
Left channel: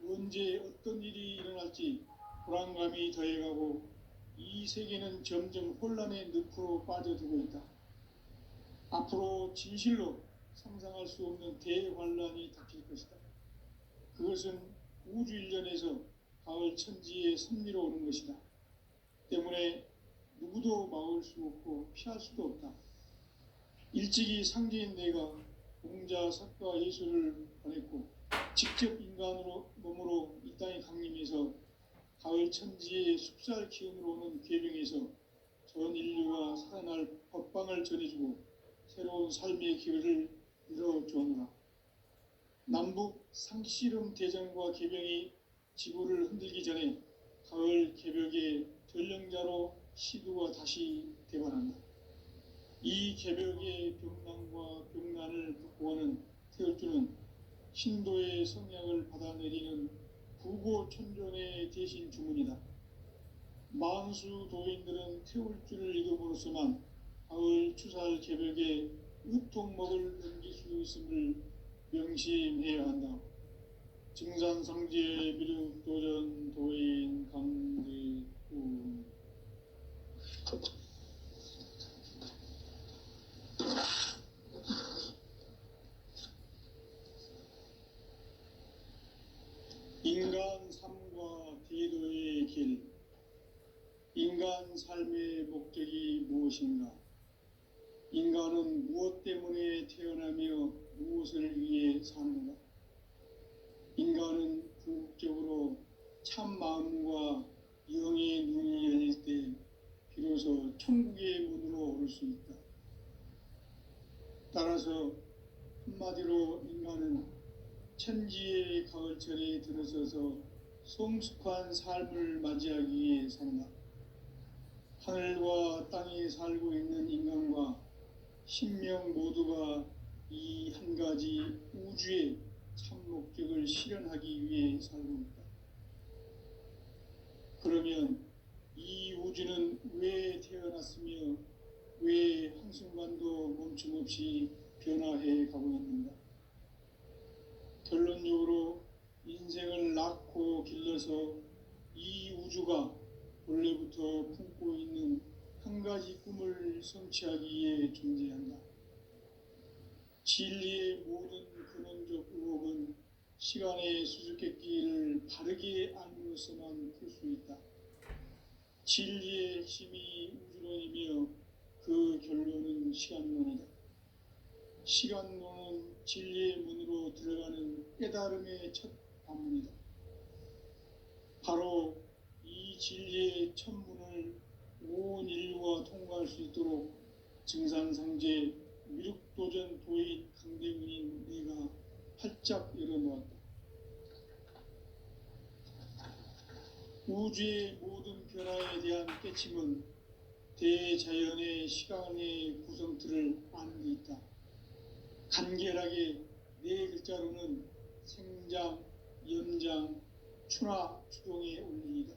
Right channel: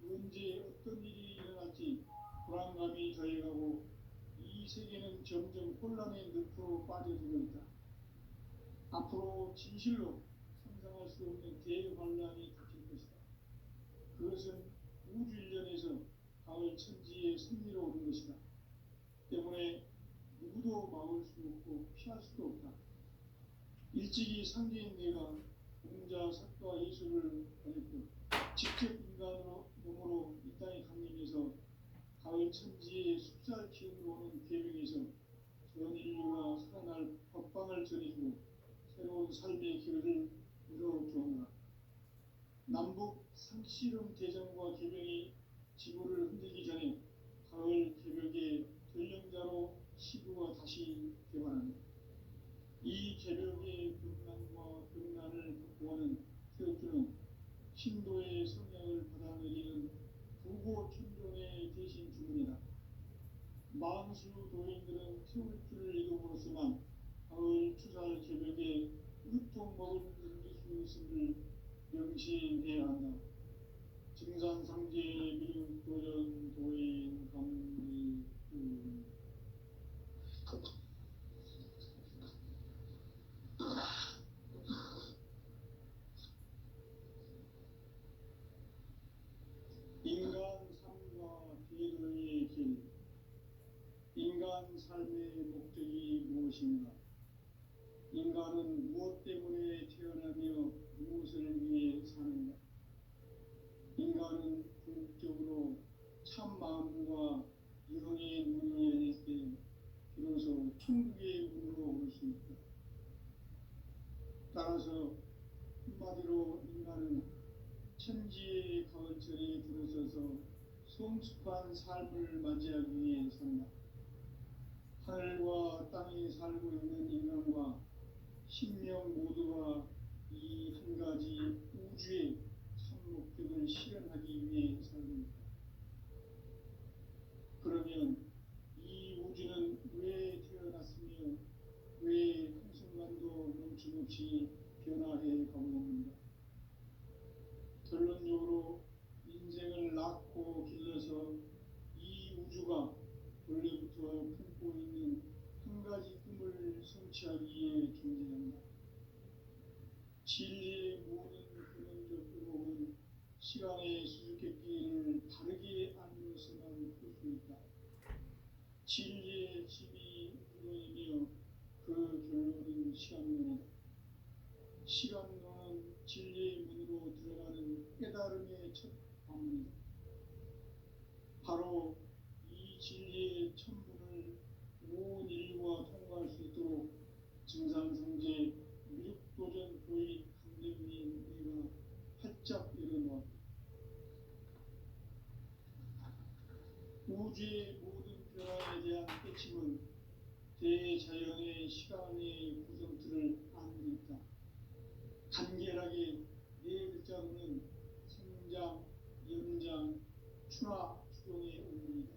언제 어떤 일이 일어날지 불안감이 더해가고 이 세계는 점점 혼란의 늪으로 빠져들고 있다. 앞으로 진실로 상상할 수 없는 대환란이 닥칠 것이다. 그것은 우주 일련에서 가을 천지의 섭리로 오는 것이다. 때문에 누구도 막을 수 없고 피할 수도 없다. 일찍이 상제인 내가 공자, 석가, 예수를 보냈고 직접 인간으로 몸으로 이 땅에 강림해서 가을 천지의 숲살 기운으로 오는 괴병에서 전 인류가 살아날 법방을 전해주고 새로운 삶의 기회를 열어주었노라. 남북 상씨름 대전과 개병이 지구를 흔들기 전에 가을 개벽의 전령자로 시두가 다시 대발한다. 이 개벽의 병난과 병난을 극복하는 태울주는 신도의 성약을 받아내리는 부고천존의 대신 주문이다. 만수 도인들은 태울주를 읽음으로써만 가을 추살 개벽에 으통먹을 넘길 수 있음을 명심해야 한다. 증산상제 미륵 도전 도인 강대우. 인간 삶과 디도의 길. 인간 삶의 목적이 무엇인가? 인간은 무엇 때문에 태어나며 무엇을 위해 사는가? 인간은 궁극적으로 참 마음과 영의 눈이 열릴 때 비로소 천국의 문으로 오를 수 있다. 따라서 한마디로 인간은 천지의 가을철에 들어서서 성숙한 삶을 맞이하기 위해 산다. 하늘과 땅에 살고 있는 인간과 신명 모두가 이 한 가지 우주의 참 목적을 실현하기 위해 살고 있다. 그러면 이 우주는 왜 태어났으며 왜 한순간도 멈춤없이 변화해 가고 있는가? 결론적으로 인생을 낳고 길러서 이 우주가 원래부터 품고 있는 한 가지 꿈을 성취하기 위해 존재한다. 진리의 모든 근원적 의혹은 시간의 수수께끼를 바르게 알므로서만 풀 수 있다. 진리의 핵심이 우주론이며 그 결론은 시간론이다. 시간론은 진리의 문으로 들어가는 깨달음의 첫 관문이다. 바로 이 진리의 첫 문을 온 인류가 통과할 수 있도록 증산상제 미륵도전 도인 강대훈인 내가 활짝 열어놓았다. 우주의 모든 변화에 대한 깨침은 대자연의 시간의 구성틀을 아는 데 있다. 간결하게 네 글자로는 생장, 연장, 추나 추동의 원리이다.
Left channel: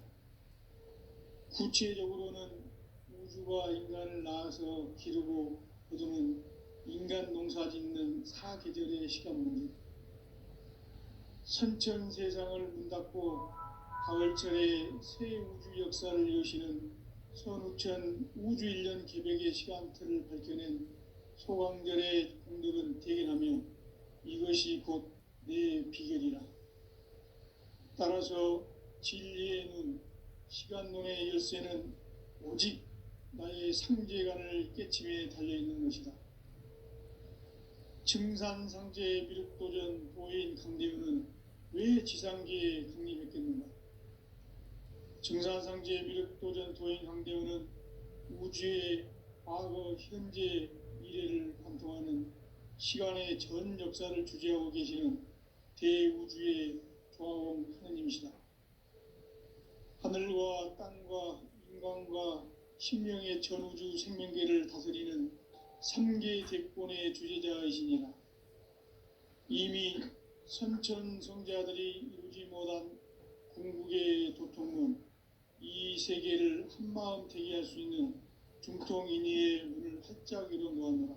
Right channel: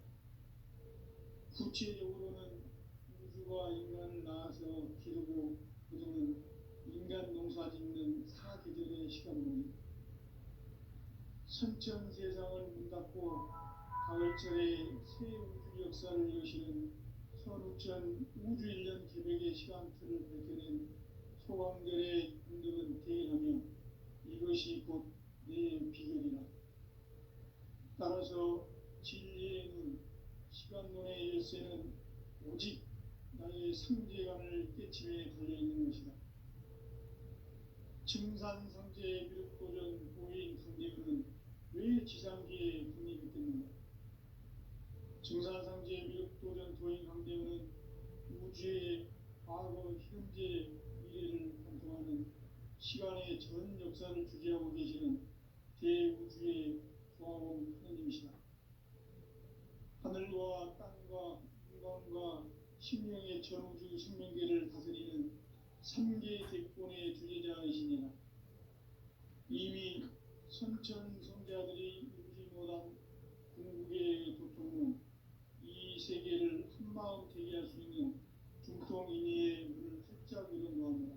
구체적으로는 우주가 인간을 낳아서 기르고 거두는 인간 농사 짓는 사계절의 시간문제. 선천 세상을 문 닫고 가을철에 새 우주 역사를 여시는 선우천 우주 1년 개벽의 시간틀을 밝혀낸 소강절의 공덕은 대견하며 이것이 곧 내 비결이라. 따라서 진리의 눈, 시간론의 열쇠는 오직 나의 상제관을 깨침에 달려있는 것이다. 증산상제 미륵도전 도인 강대훈은 왜 지상계에 강림했겠는가? 증산상제 미륵도전 도인 강대훈은 우주의 과거, 현재, 미래를 관통하는 시간의 전 역사를 주재하고 계시는 대우주의 조화원 하느님이시다. 하늘과 땅과 인간과 신명의 전우주 생명계를 다스리는 3계 대권의 주제자이시니라. 이미 선천성자들이 이루지 못한 궁극의 도통문, 이 세계를 한마음 되게 할 수 있는 중통인의의 문을 활짝 열어놓았노라.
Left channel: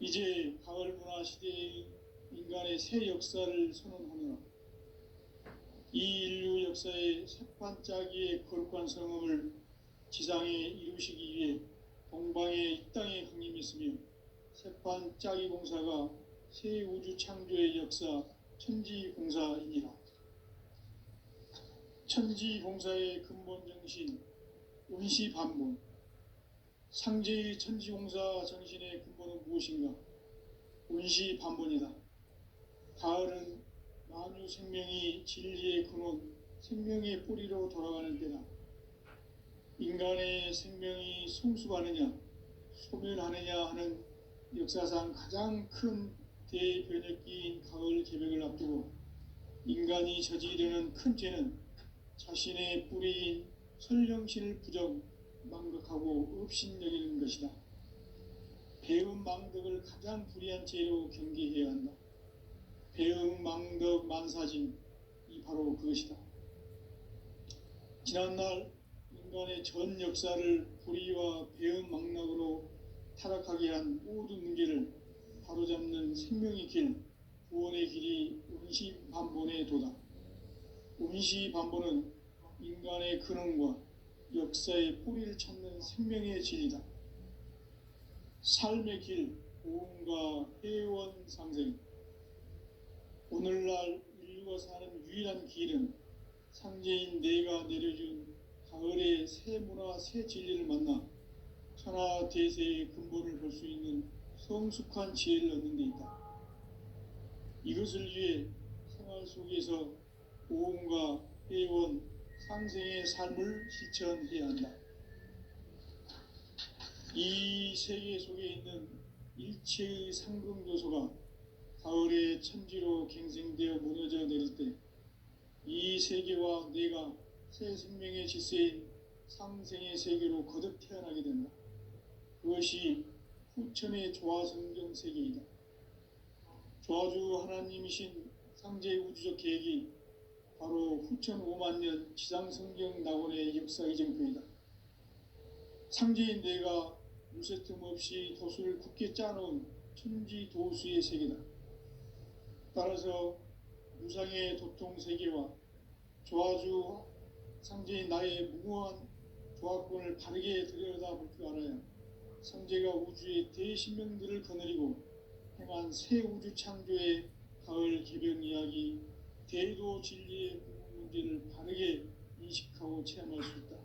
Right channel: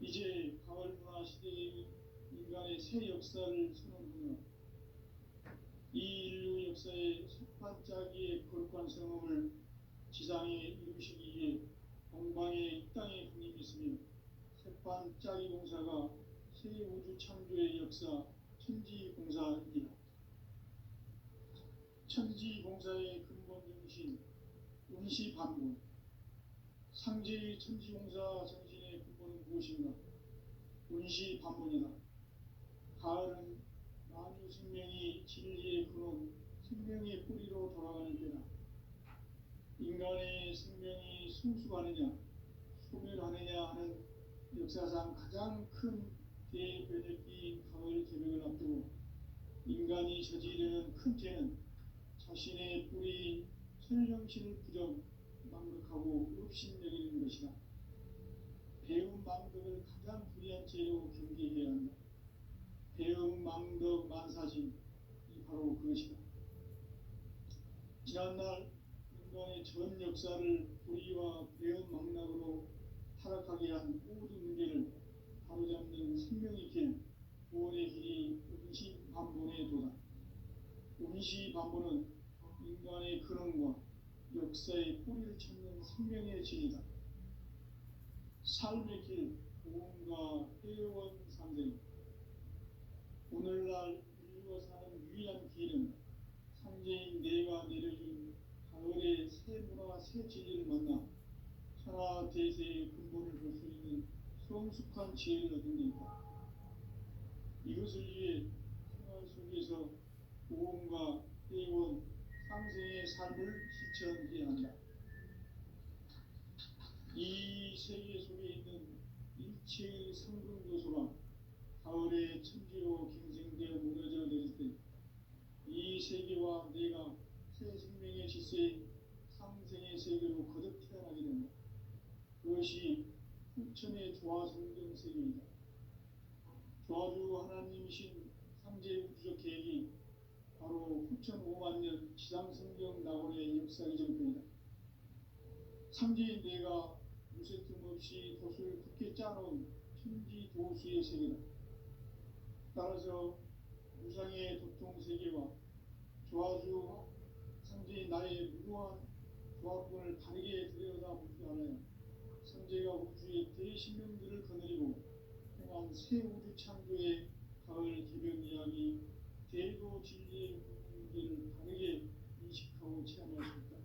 이제 가을 문화 시대의 인간의 새 역사를 선언하노라. 이 인류 역사의 첫 반짝이의 거룩한 성음을 지상에 이루시기 위해 동방의 이 땅에 강림했으며 새반짝이 공사가 새 우주 창조의 역사 천지공사이니라. 천지공사의 근본 정신 운시반문. 상제의 천지공사 정신의 근본은 무엇인가? 운시반문이다. 가을은 만유 생명이 진리의 근원, 생명의 뿌리로 돌아가는 때다. 인간의 생명이 성숙하느냐, 소멸하느냐 하는 역사상 가장 큰 대변혁기인 가을 개벽을 앞두고 인간이 저지르는 큰 죄는 자신의 뿌리인 설령신을 부정, 망각하고 업신여기는 것이다. 배음 망덕을 가장 불의한 죄로 경계해야 한다. 배음 망덕 만사진, 이 바로 그것이다. 지난날 인간의 전 역사를 불의와 배은망락으로 타락하게 한 모든 문제를 바로잡는 생명의 길, 구원의 길이 운시반본에 도다. 운시반본은 인간의 근원과 역사의 뿌리를 찾는 생명의 진리다. 삶의 길, 보험과 회원 상생. 오늘날 인류가 사는 유일한 길은 상제인 내가 내려준 가을의 새 문화 새 진리를 만나 천하 대세의 근본을 볼 수 있는 성숙한 지혜를 얻는 데 있다. 이것을 위해 생활 속에서 보험과 회원 상생의 삶을 실천해야 한다. 이 세계 속에 있는 일체의 상금 요소가 가을의 천지로 갱생되어 무너져 내릴 때 이 세계와 내가 새 생명의 질서인 상생의 세계로 거듭 태어나게 된다. 그것이 후천의 조화성경 세계이다. 조화주 하나님이신 상제 우주적 계획이 바로 후천 5만 년 지상성경 낙원의 역사 이정표이다. 상제인 내가 무쇠틈 없이 도수를 굳게 짜놓은 천지 도수의 세계다. 따라서 무상의 도통 세계와 조화주 상제인 나의 무모한 조화권을 바르게 들여다볼 줄 알아야 상제가 우주의 대신명들을 거느리고 행한 새 우주 창조의 가을 기병 이야기, 대도 진리의 문제를 바르게 인식하고 체험할 수 있다.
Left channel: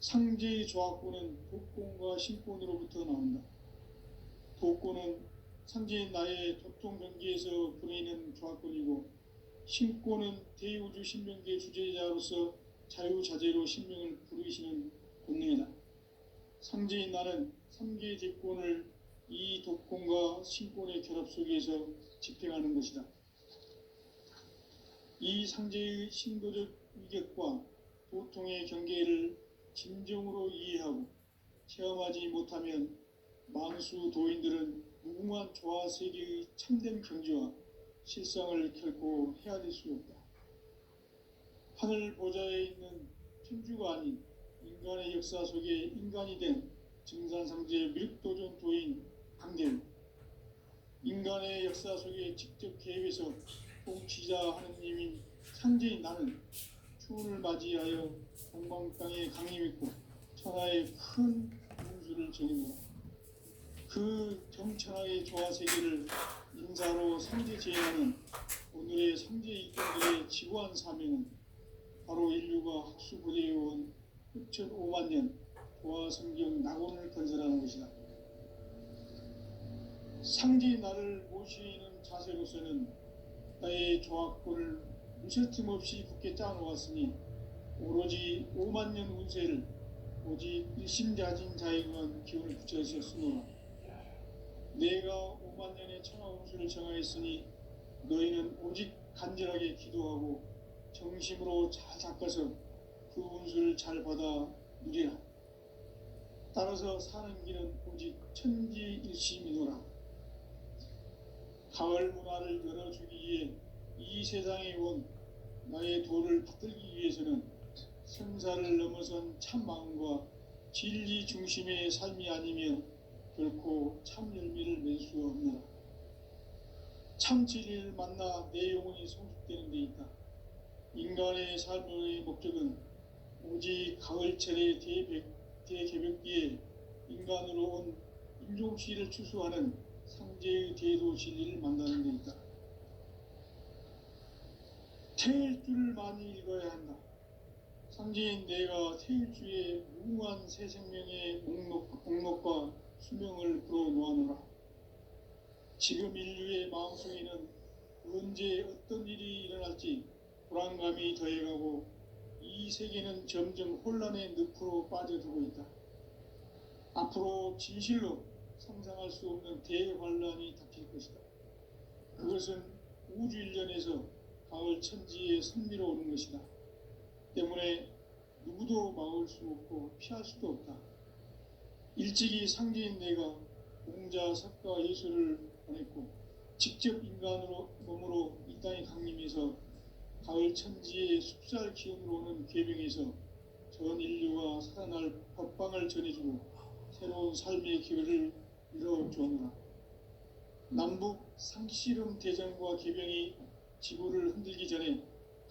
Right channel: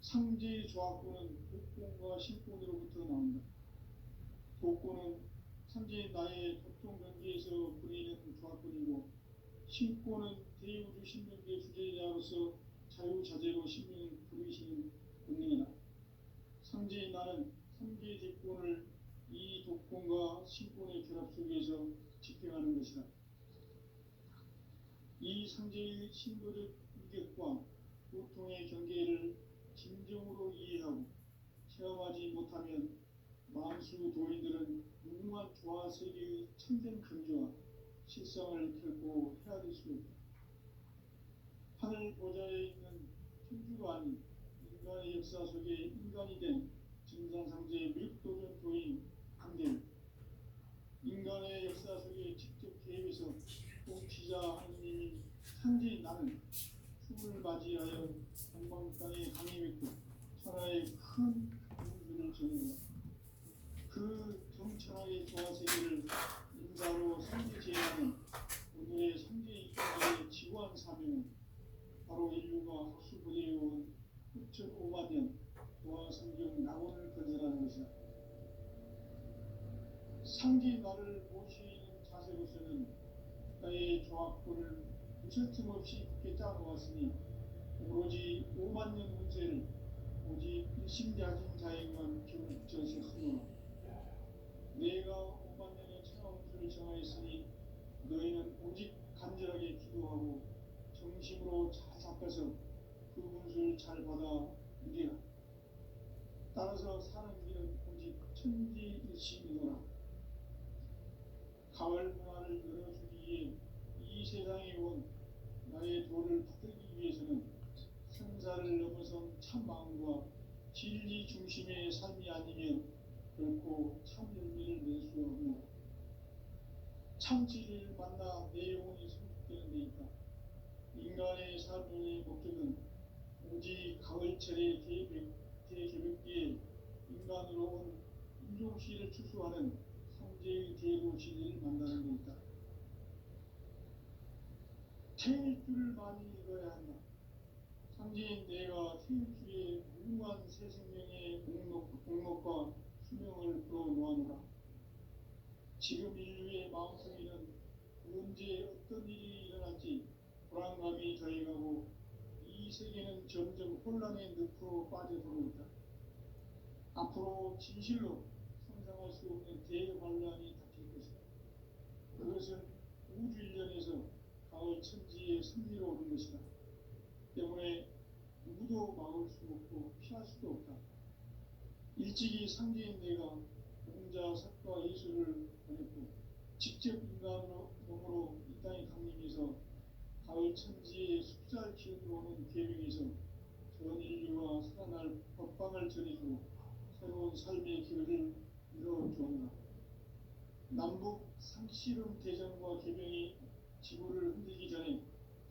상제의 조화권은 도권과 신권으로부터 나온다. 도권은 상제인 나의 도통경계에서 보내는 조화권이고, 신권은 대우주 신명계의 주제자로서 자유자재로 신명을 부르시는 본능이다. 상제인 나는 3개의 대권을 이 도권과 신권의 결합 속에서 집행하는 것이다. 이 상제의 신도적 위격과 도통의 경계를 진정으로 이해하고 체험하지 못하면 만수 도인들은 무궁한 조화 세계의 참된 경지와 실상을 결코 헤아릴 수 없다. 하늘 보좌에 있는 천주가 아닌 인간의 역사 속에 인간이 된 증산상제 밀도전 도인 강대우, 인간의 역사 속에 직접 개입해서 통치자 하느님인 상제인 나는 추운을 맞이하여 동방 땅에 강림했고 천하의 큰 운수를 정했노라. 그 정천하의 조화 세계를 인사로 상제 제하는 오늘의 상제 이권자의 지구한 사명은 바로 인류가 학수고대해온 6,5만 년 조화 성경 낙원을 건설하는 것이다. 상제의 나를 모시는 자세로서는 나의 조화권을 무쇠틈 없이 굳게 짜놓았으니 오로지 5만 년 운세를 오직 일심자진 자에게만 기운을 붙여주셨으므로 내가 5만 년의 천하 운수를 정하였으니 너희는 오직 간절하게 기도하고 정심으로 잘 닦아서 그 운수를 잘 받아 누리라. 따라서 사는 길은 오직 천지일심이노라. 가을 문화를 열어주기 위해 이 세상에 온 나의 도를 받들기 위해서는 성사를 넘어선 참 마음과 진리 중심의 삶이 아니면 결코 참 열매를 맺을 수 없노라. 참 진리를 만나 내 영혼이 성숙되는 데 있다. 인간의 삶의 목적은 오직 가을철의 대개벽기에 인간으로 온 인종시를 추수하는 상제의 대도 진리를 만나는 데 있다. 태일주를 많이 읽어야 한다. 상제인 내가 태일주의 무궁한 새 생명의 목록과 수명을 풀어놓아노라. 지금 인류의 마음속에는 언제 어떤 일이 일어날지 불안감이 더해가고 이 세계는 점점 혼란의 늪으로 빠져들고 있다. 앞으로 진실로 상상할 수 없는 대환란이 닥칠 것이다. 그것은 우주 일련에서 가을 천지에 선미로 오는 것이다. 때문에 누구도 막을 수 없고 피할 수도 없다. 일찍이 상제인 내가 공자, 석가, 예수를 보냈고 직접 인간으로 몸으로 이 땅에 강림해서 가을 천지의 숲살 기운으로 오는 계명에서 전 인류가 살아날 법방을 전해주고 새로운 삶의 기회를 열어주었노라. 남북 상씨름 대전과 개병이 지구를 흔들기 전에